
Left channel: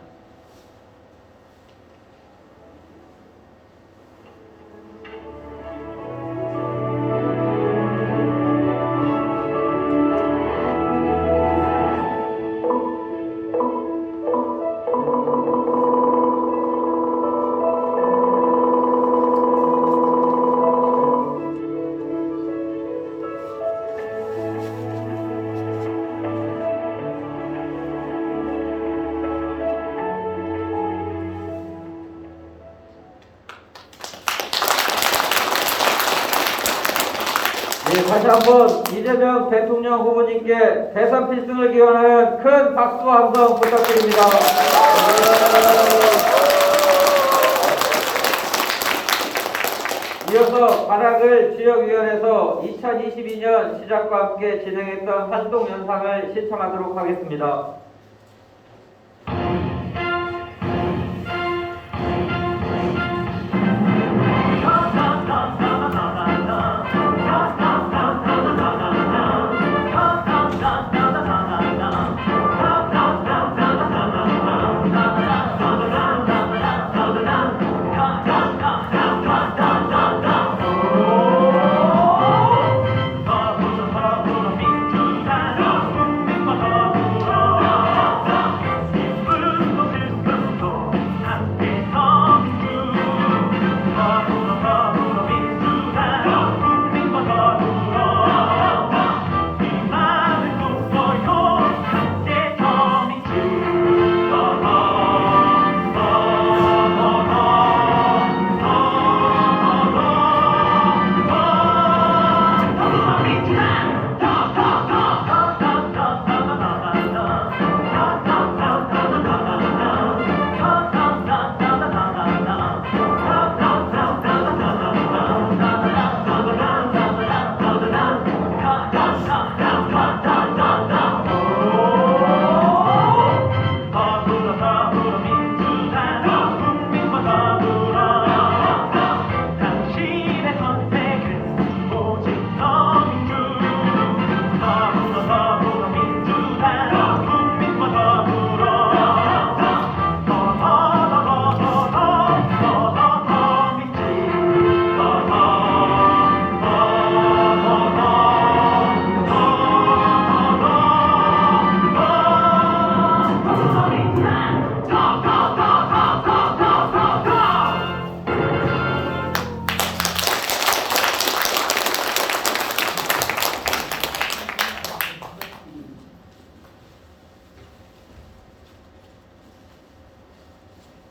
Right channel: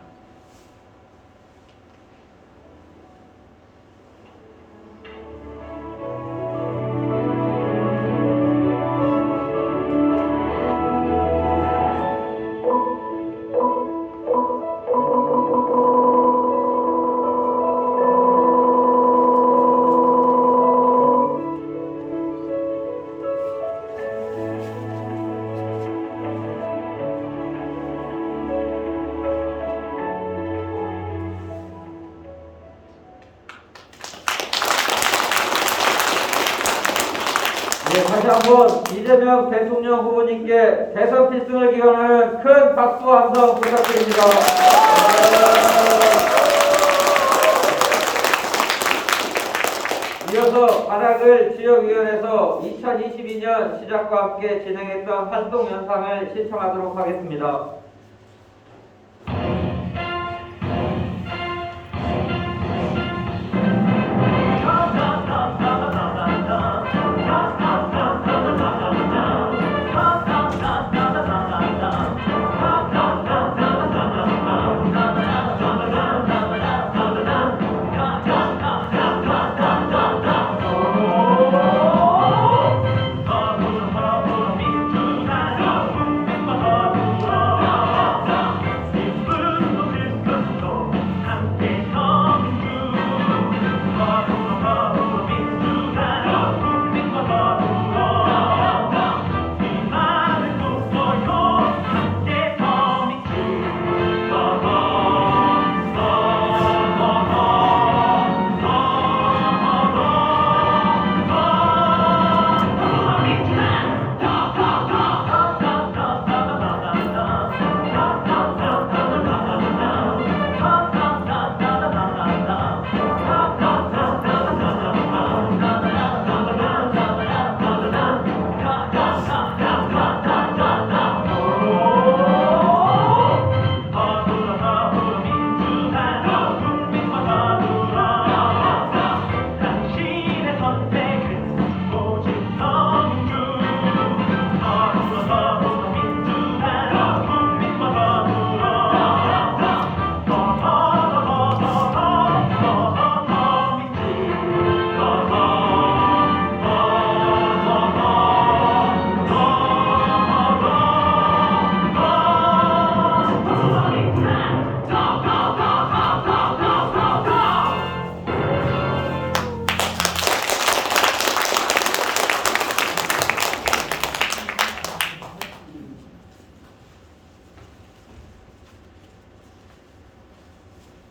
다시 한번 이재명 대통령 후보님께 대선 필승을 기원하는 큰 박수 함성 부탁드립니다. 이어서 관악을 지역위원회에서 2022년 시작과 함께 진행했던 활동 영상을 시청하도록 하겠습니다.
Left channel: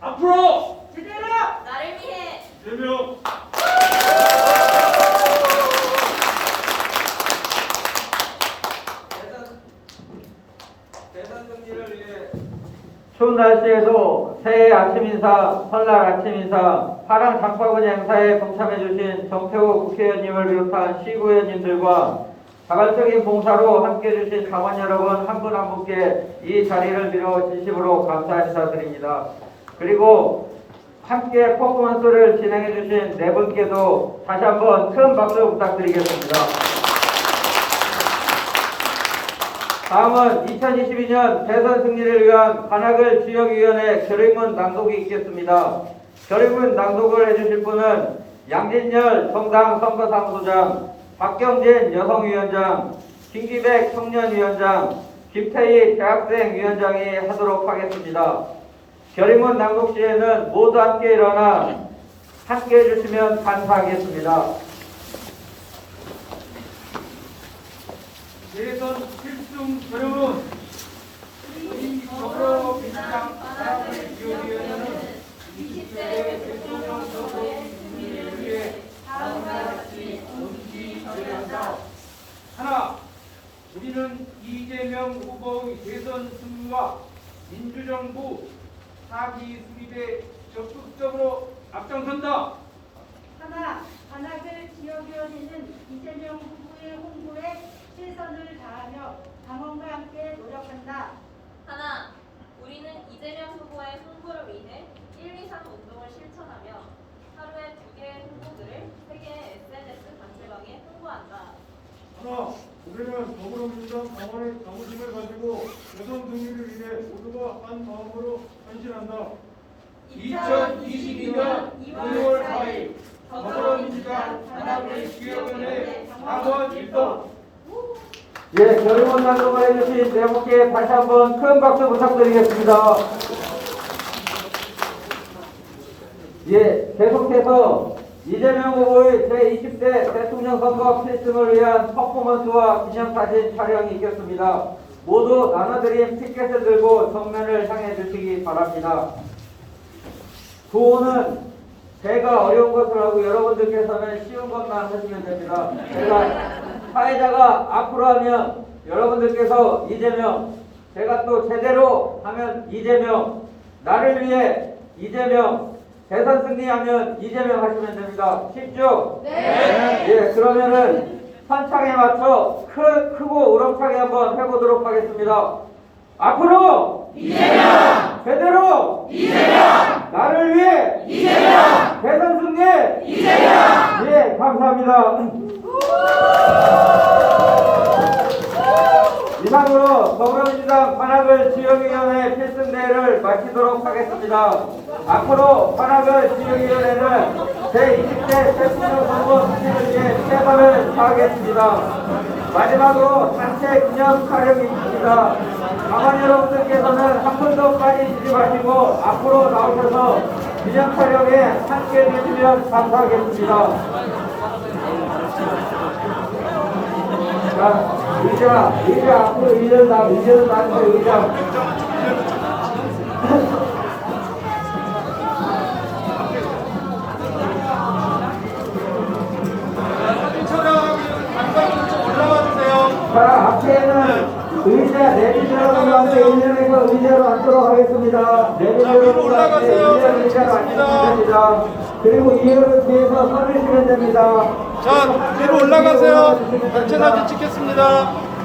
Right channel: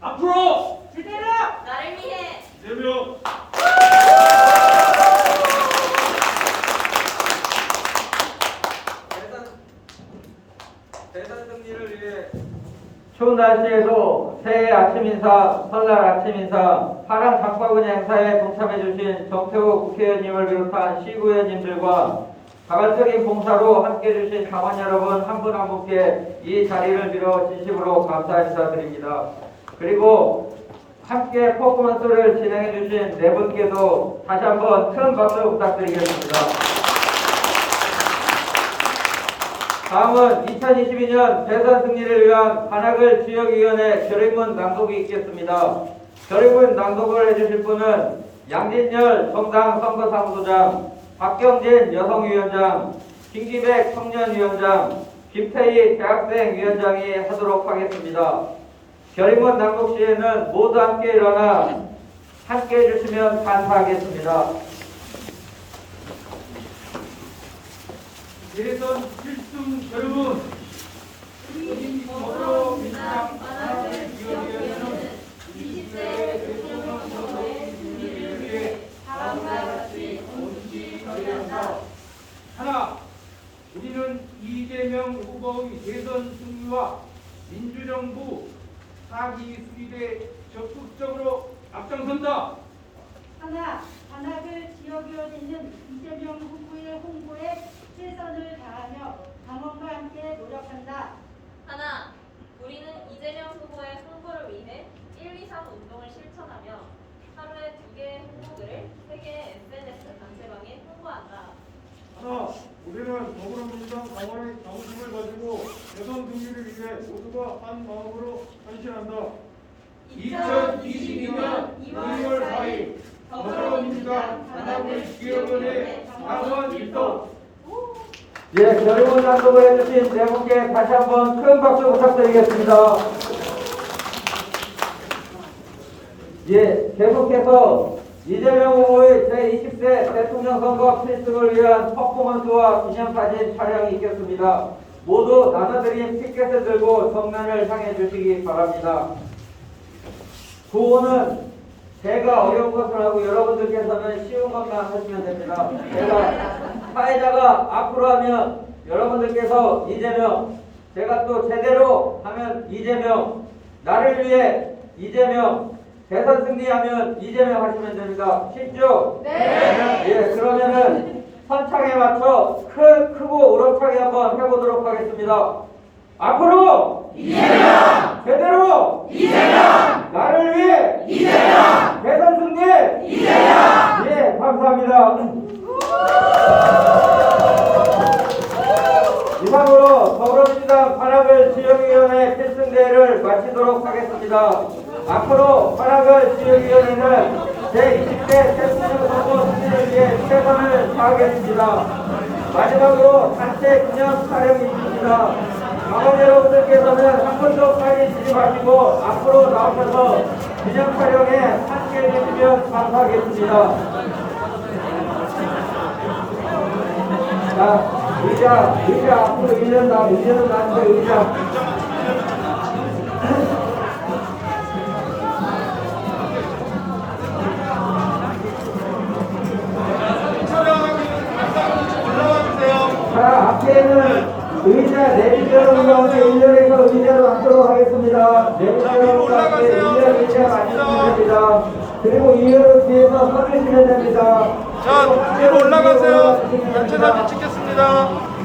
앞으로 그대로 나를 위해 대명 대선 승리를 위해 추운 날씨에도 새해 아침 인사, 설날 아침 인사, 파란 장바구니 행사에 동참해주신 정태호 국회의원님을 비롯한 시구의원님들과 자발적인 봉사로 함께해주신 당원 여러분 한 분 한 분께 이 자리를 빌어 진심으로 감사 인사드립니다. 그리고 함께 퍼포먼스를 진행해주신 네 분께도 다시 한번 큰 박수 부탁드리겠습니다. 다음은 2022년 대선 승리를 위한 관악을 지역위원회 결의문 낭독이 있겠습니다. 결의문 낭독을 해주실 분은 양진열 정당 선거사무소장, 박경진 여성위원장, 김기백 청년위원장, 김태희 대학생위원장이 하도록 하겠습니다. 결의문 낭독 시에는 모두 함께 일어나 함께 해주시면 감사하겠습니다. 대선 필승 결의문 우리 더불어민주당 관악을 지역위원회는 20대 대통령 선거의 승리를 위해 다음과 같이 본치 결의한다. 하나, 우리는 이재명 후보의 대선 승리와 민주정부 사기 수립에 적극적으로 앞장선다. 하나, 관악을 지역위원회는 이재명 후보의 홍보에 최선을 다하며 당원과 함께 노력한다. 하나, 우리는 이재명 후보의 홍보를 위해 1, 2, 3 운동을 실천하며 하루에 2개의 홍보글을 3개의 SNS 단체방에 홍보한다. 하나, 우리는 더불어민주당 당원의 자부심을 가지고 대선 승리를 위해 모두가 한 마음으로 헌신한다. 2022년 2월 4일 더불어민주당 관악을 지역위원회 당원 일동. 예, 결의문 낭독을 해주신 네 분께 다시 한번 큰 박수 부탁드리겠습니다. 예, 계속해서 이재명 후보의 제20대 대통령 선거 필승을 위한 퍼포먼스와 기념사진 촬영이 있겠습니다. 모두 나눠드린 피켓을 들고 정면을 향해 주시기 바랍니다. 구호는 제가 어려운 것을 하고 여러분들께서는 쉬운 것만 하시면 됩니다. 제가 사회자가 앞으로 하면 여러분들께서 이재명, 제가 또 제대로 하면 이재명, 나를 위해 이재명, 대선 승리하면 이재명 하시면 됩니다. 쉽죠? 네. 예, 그러면은 선창에 맞춰 크고 우렁차게 한번 해보도록 하겠습니다. 앞으로 이재명, 제대로 이재명, 나를 위해 이재명, 대선 승리 이재명. 예, 감사합니다. 이상으로 더불어민주당 관악을 지역위원회 필승대회를 마치도록 하겠습니다. 앞으로 관악을 지역위원회는 제20대 대통령 선거 승리를 위해 최선을 다하겠습니다. 마지막으로 단체 기념 촬영이 있습니다. 가만 여러분들께서는 한 번도 빠지시지 마시고 앞으로 나오셔서 기념 촬영에 함께해 주시면 감사하겠습니다. 자, 의자 앞으로 1년 남는데 의자. 자, 앞에는 의자 내빈 여러분과 함께 1년에서 의자로 앉도록 하겠습니다. 내빈 여러분과 함께 1년 의자로 앉으시면 됩니다. 그리고 이해를 뒤에서 서주시면 됩니다. 자, 위로 올라가세요. 전체 사진 찍겠습니다.